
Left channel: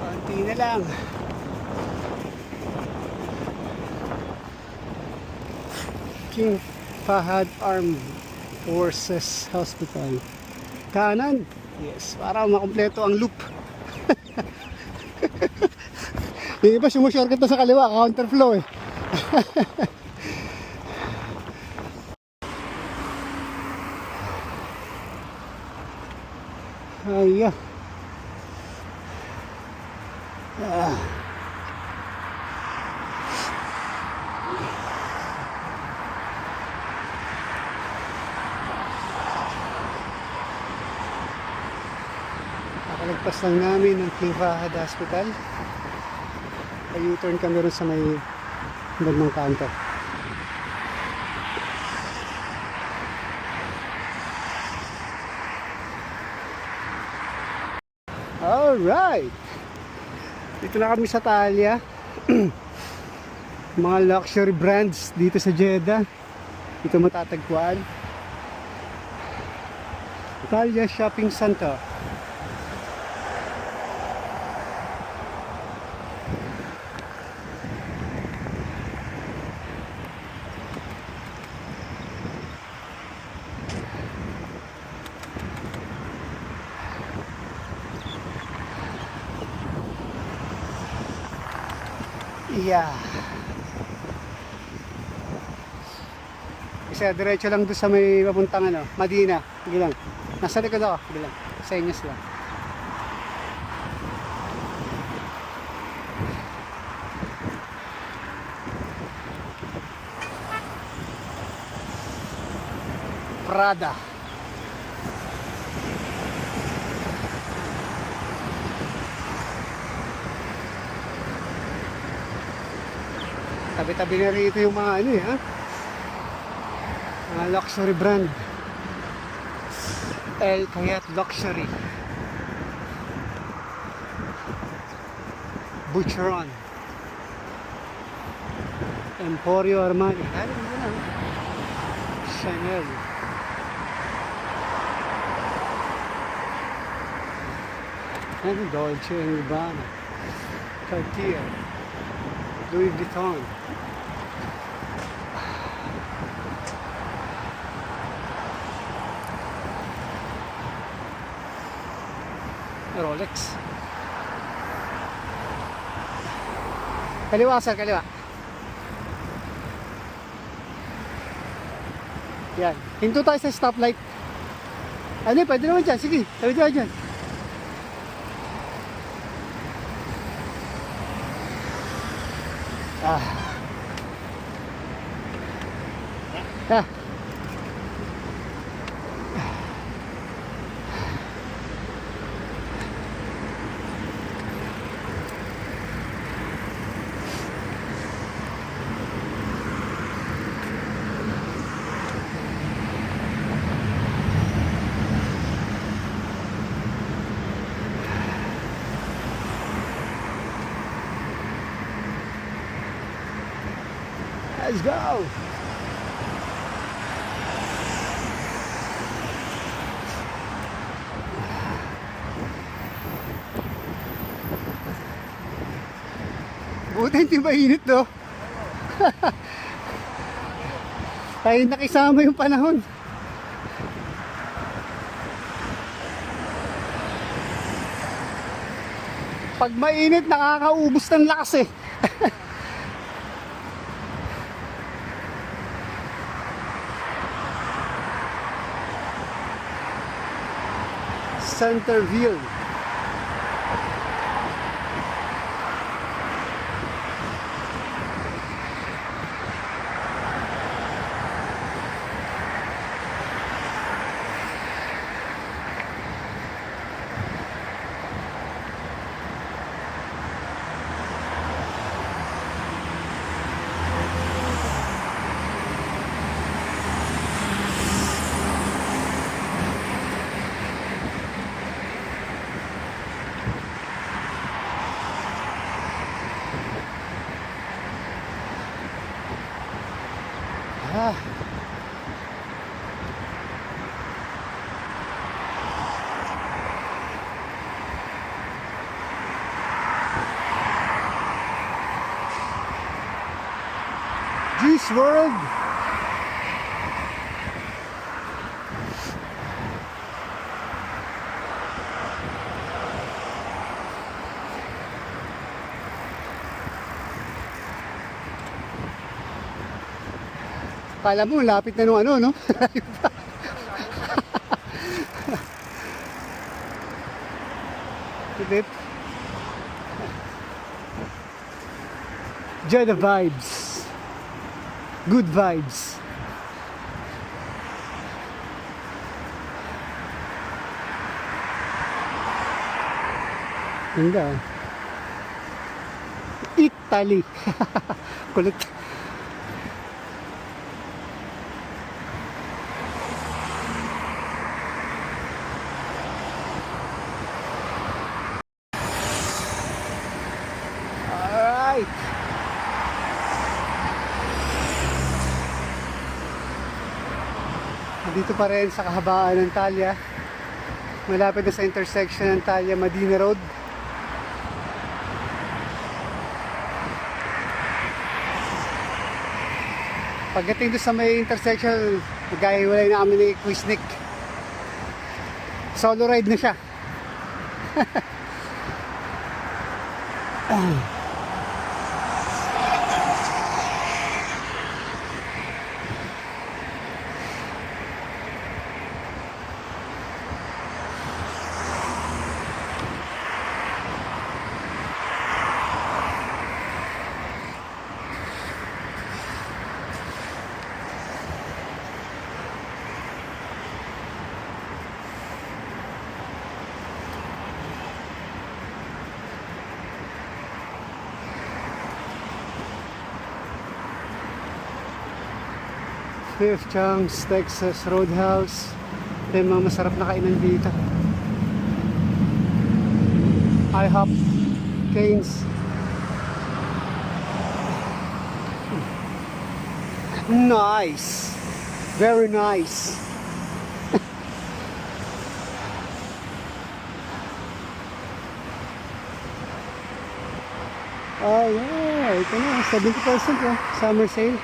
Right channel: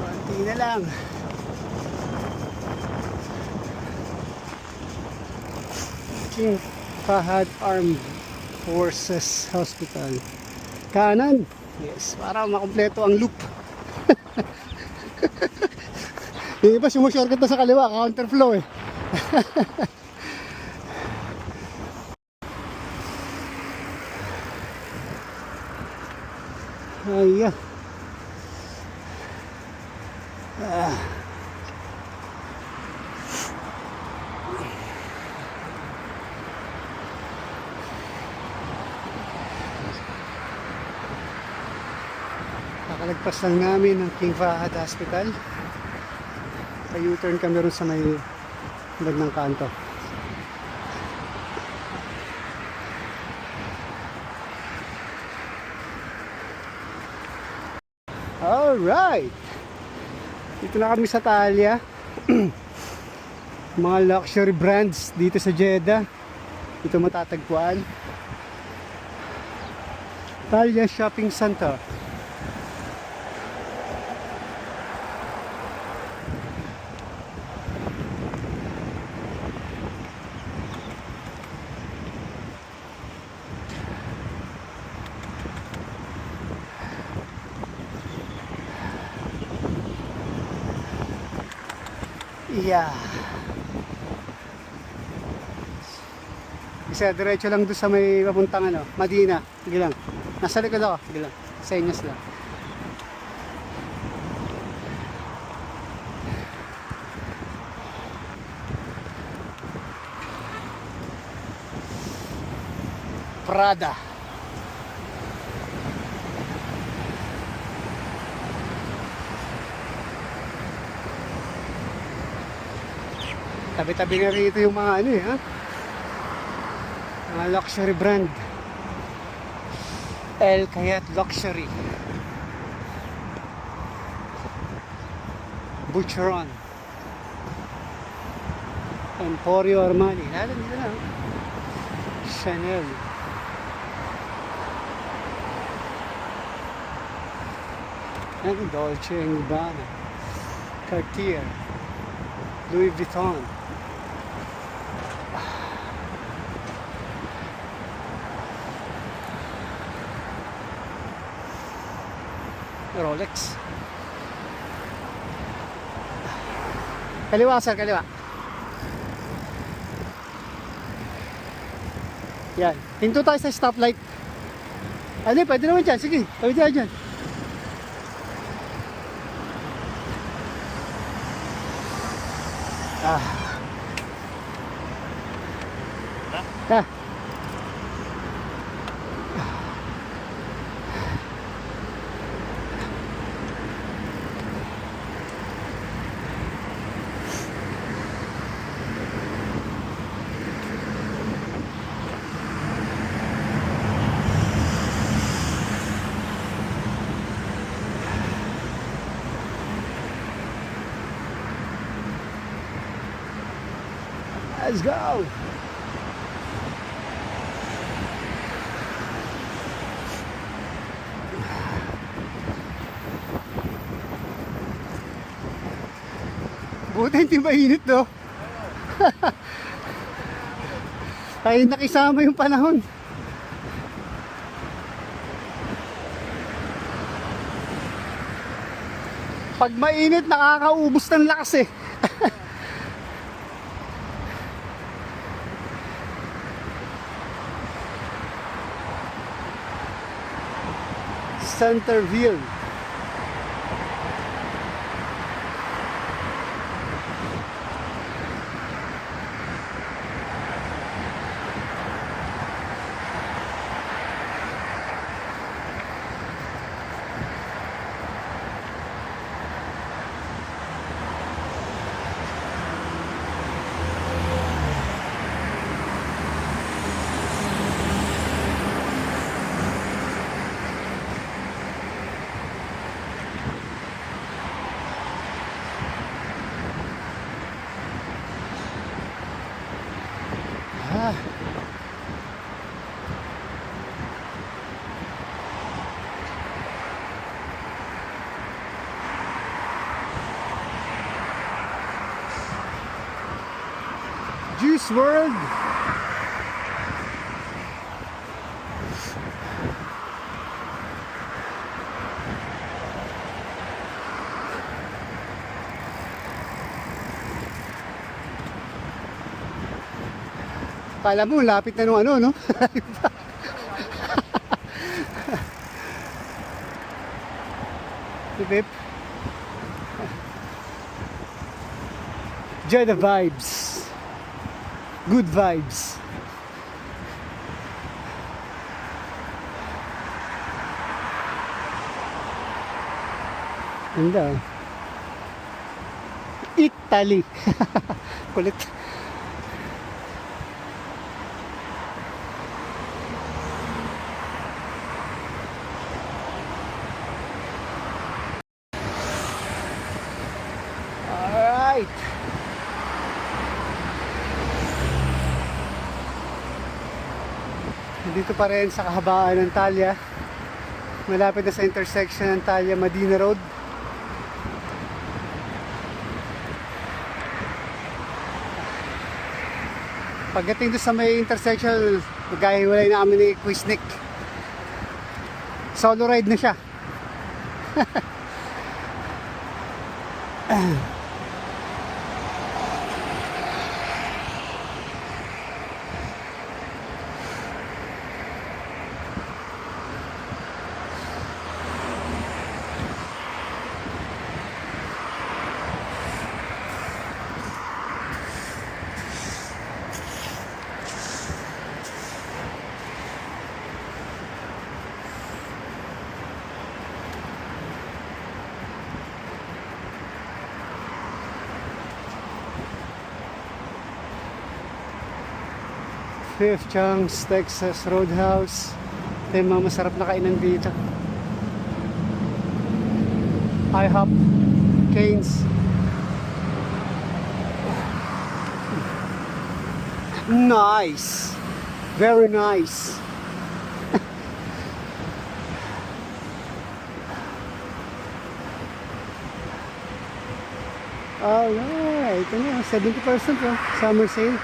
Konti na lang. King Fahad Armed Forces Hospital. Kanan. Yes, para makumpleto ang loop. Yung iba sumushortcut na sa kaliwa, counterflow eh. Ay, nakalagpas lang namin ng King Fahad Hospital. U-turn kami ron sa may bandang kanto. Alright! Dito na kami sa Thalia. Mga luxury brands dito sa Jeddah. Dito matatagpuan. Thalia Shopping Center. Yeah. Isa diretso lang doon sa may papuntang ano, Madina. Sige lang. Nasa likod ako. Sige lang. Sa inyos lang. Prada. Tabi-tabi na rito yung mga ano eh, ha? Mga luxury brand. El Kayat Luxury. Boucheron. Emporio Armani. Lalo dito na. Chanel. Ano? Dolce & Gabbana. Cartier. Louis Vuitton. Rolex. Kaliwa sir, kaliwa. Yan. Hinto tayo sa stoplight. Ano, pwede naman dyan. Sige, tawid tayo dyan. Ah. Ah. Let's go! Buti hindi mainit do. Ay nakisama yung panahon. Pag mainit nakakaubos ng lakas eh. Centerville. Ah. Juice WRLD. Kala mo, lapit na nung ano, no? Bip. Enjoy the vibes. Good vibes. Ganda. Oh. Italy. Kulit. Alright. Dito pa rin sa kahabaan ng Talya. Malapit na sa intersection ng Talya Medina Road. Pagdating doon sa may intersection, magkahiwalay na kami ni Quiznik. Solo ride na siya. Fifth Chunks, Texas Roadhouse. Ito yung mga masarap na kainan dito. IHOP, Canes. Nice. Very nice. Oh yeah, ito na, 70% oh, summer sale.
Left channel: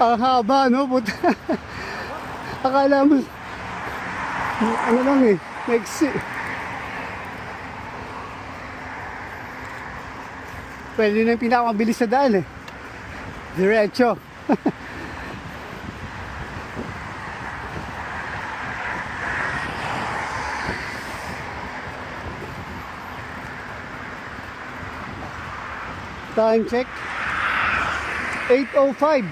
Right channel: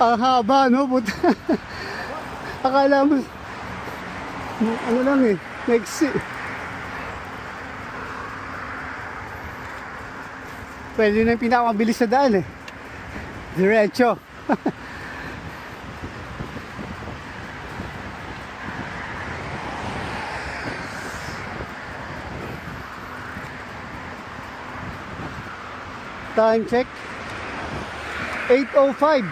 Ang haba, no? Puta. Akala mo ano lang eh, maiksi. Pwede na yung pinakamabilis na daan eh. Diretso. Time check 8:05.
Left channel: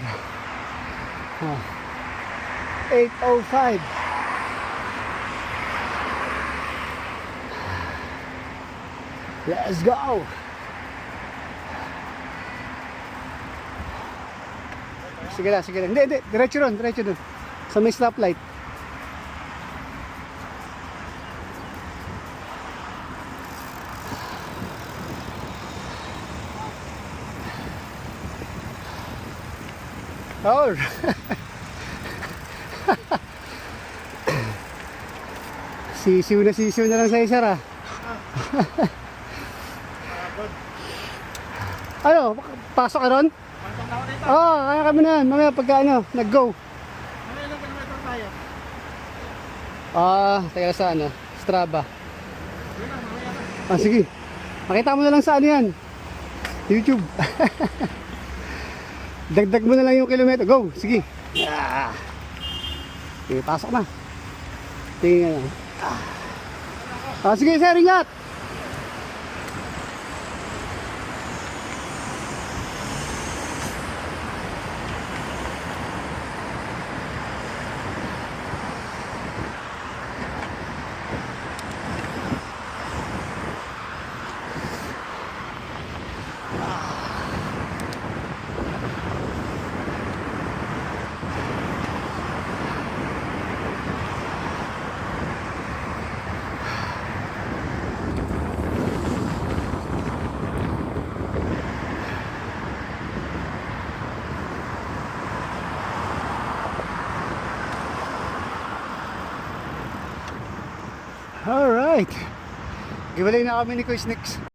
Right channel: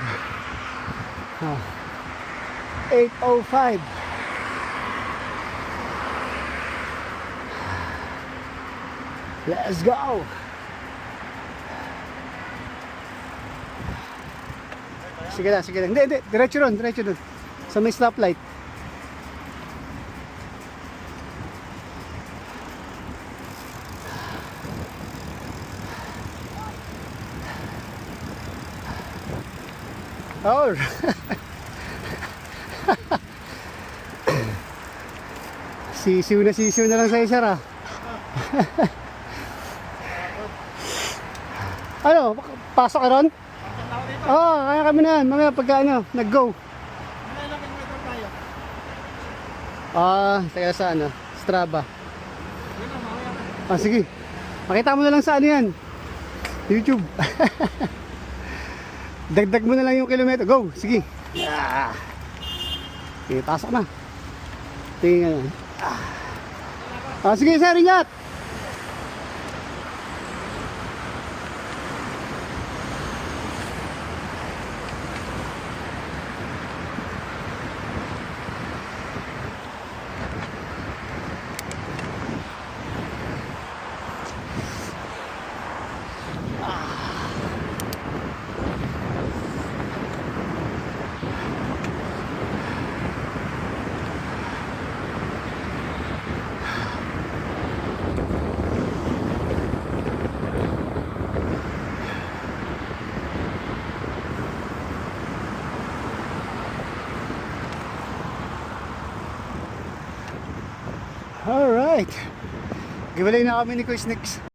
8:05. Let's go. Sige na, sige na. Hindi, diretso doon, diretso doon. Sa may stoplight. Oh. Sisiw na lang sa isa ra. Ano, pasok ka ron? Kaya kami na yan. Mamaya pagka ano, nag-go. Mga ilang kilometro tayo? Teka sa ano, Strava. Yun na, mamaya na. Sige. Makita mo na lang sa ano yan. YouTube. Dagdag mo na lang yung kilometro. Go, sige. Okay, pasok na. Tingnan yan. Sige sir, ingat. Alright. Giwalay na kami ni Kuya Snacks.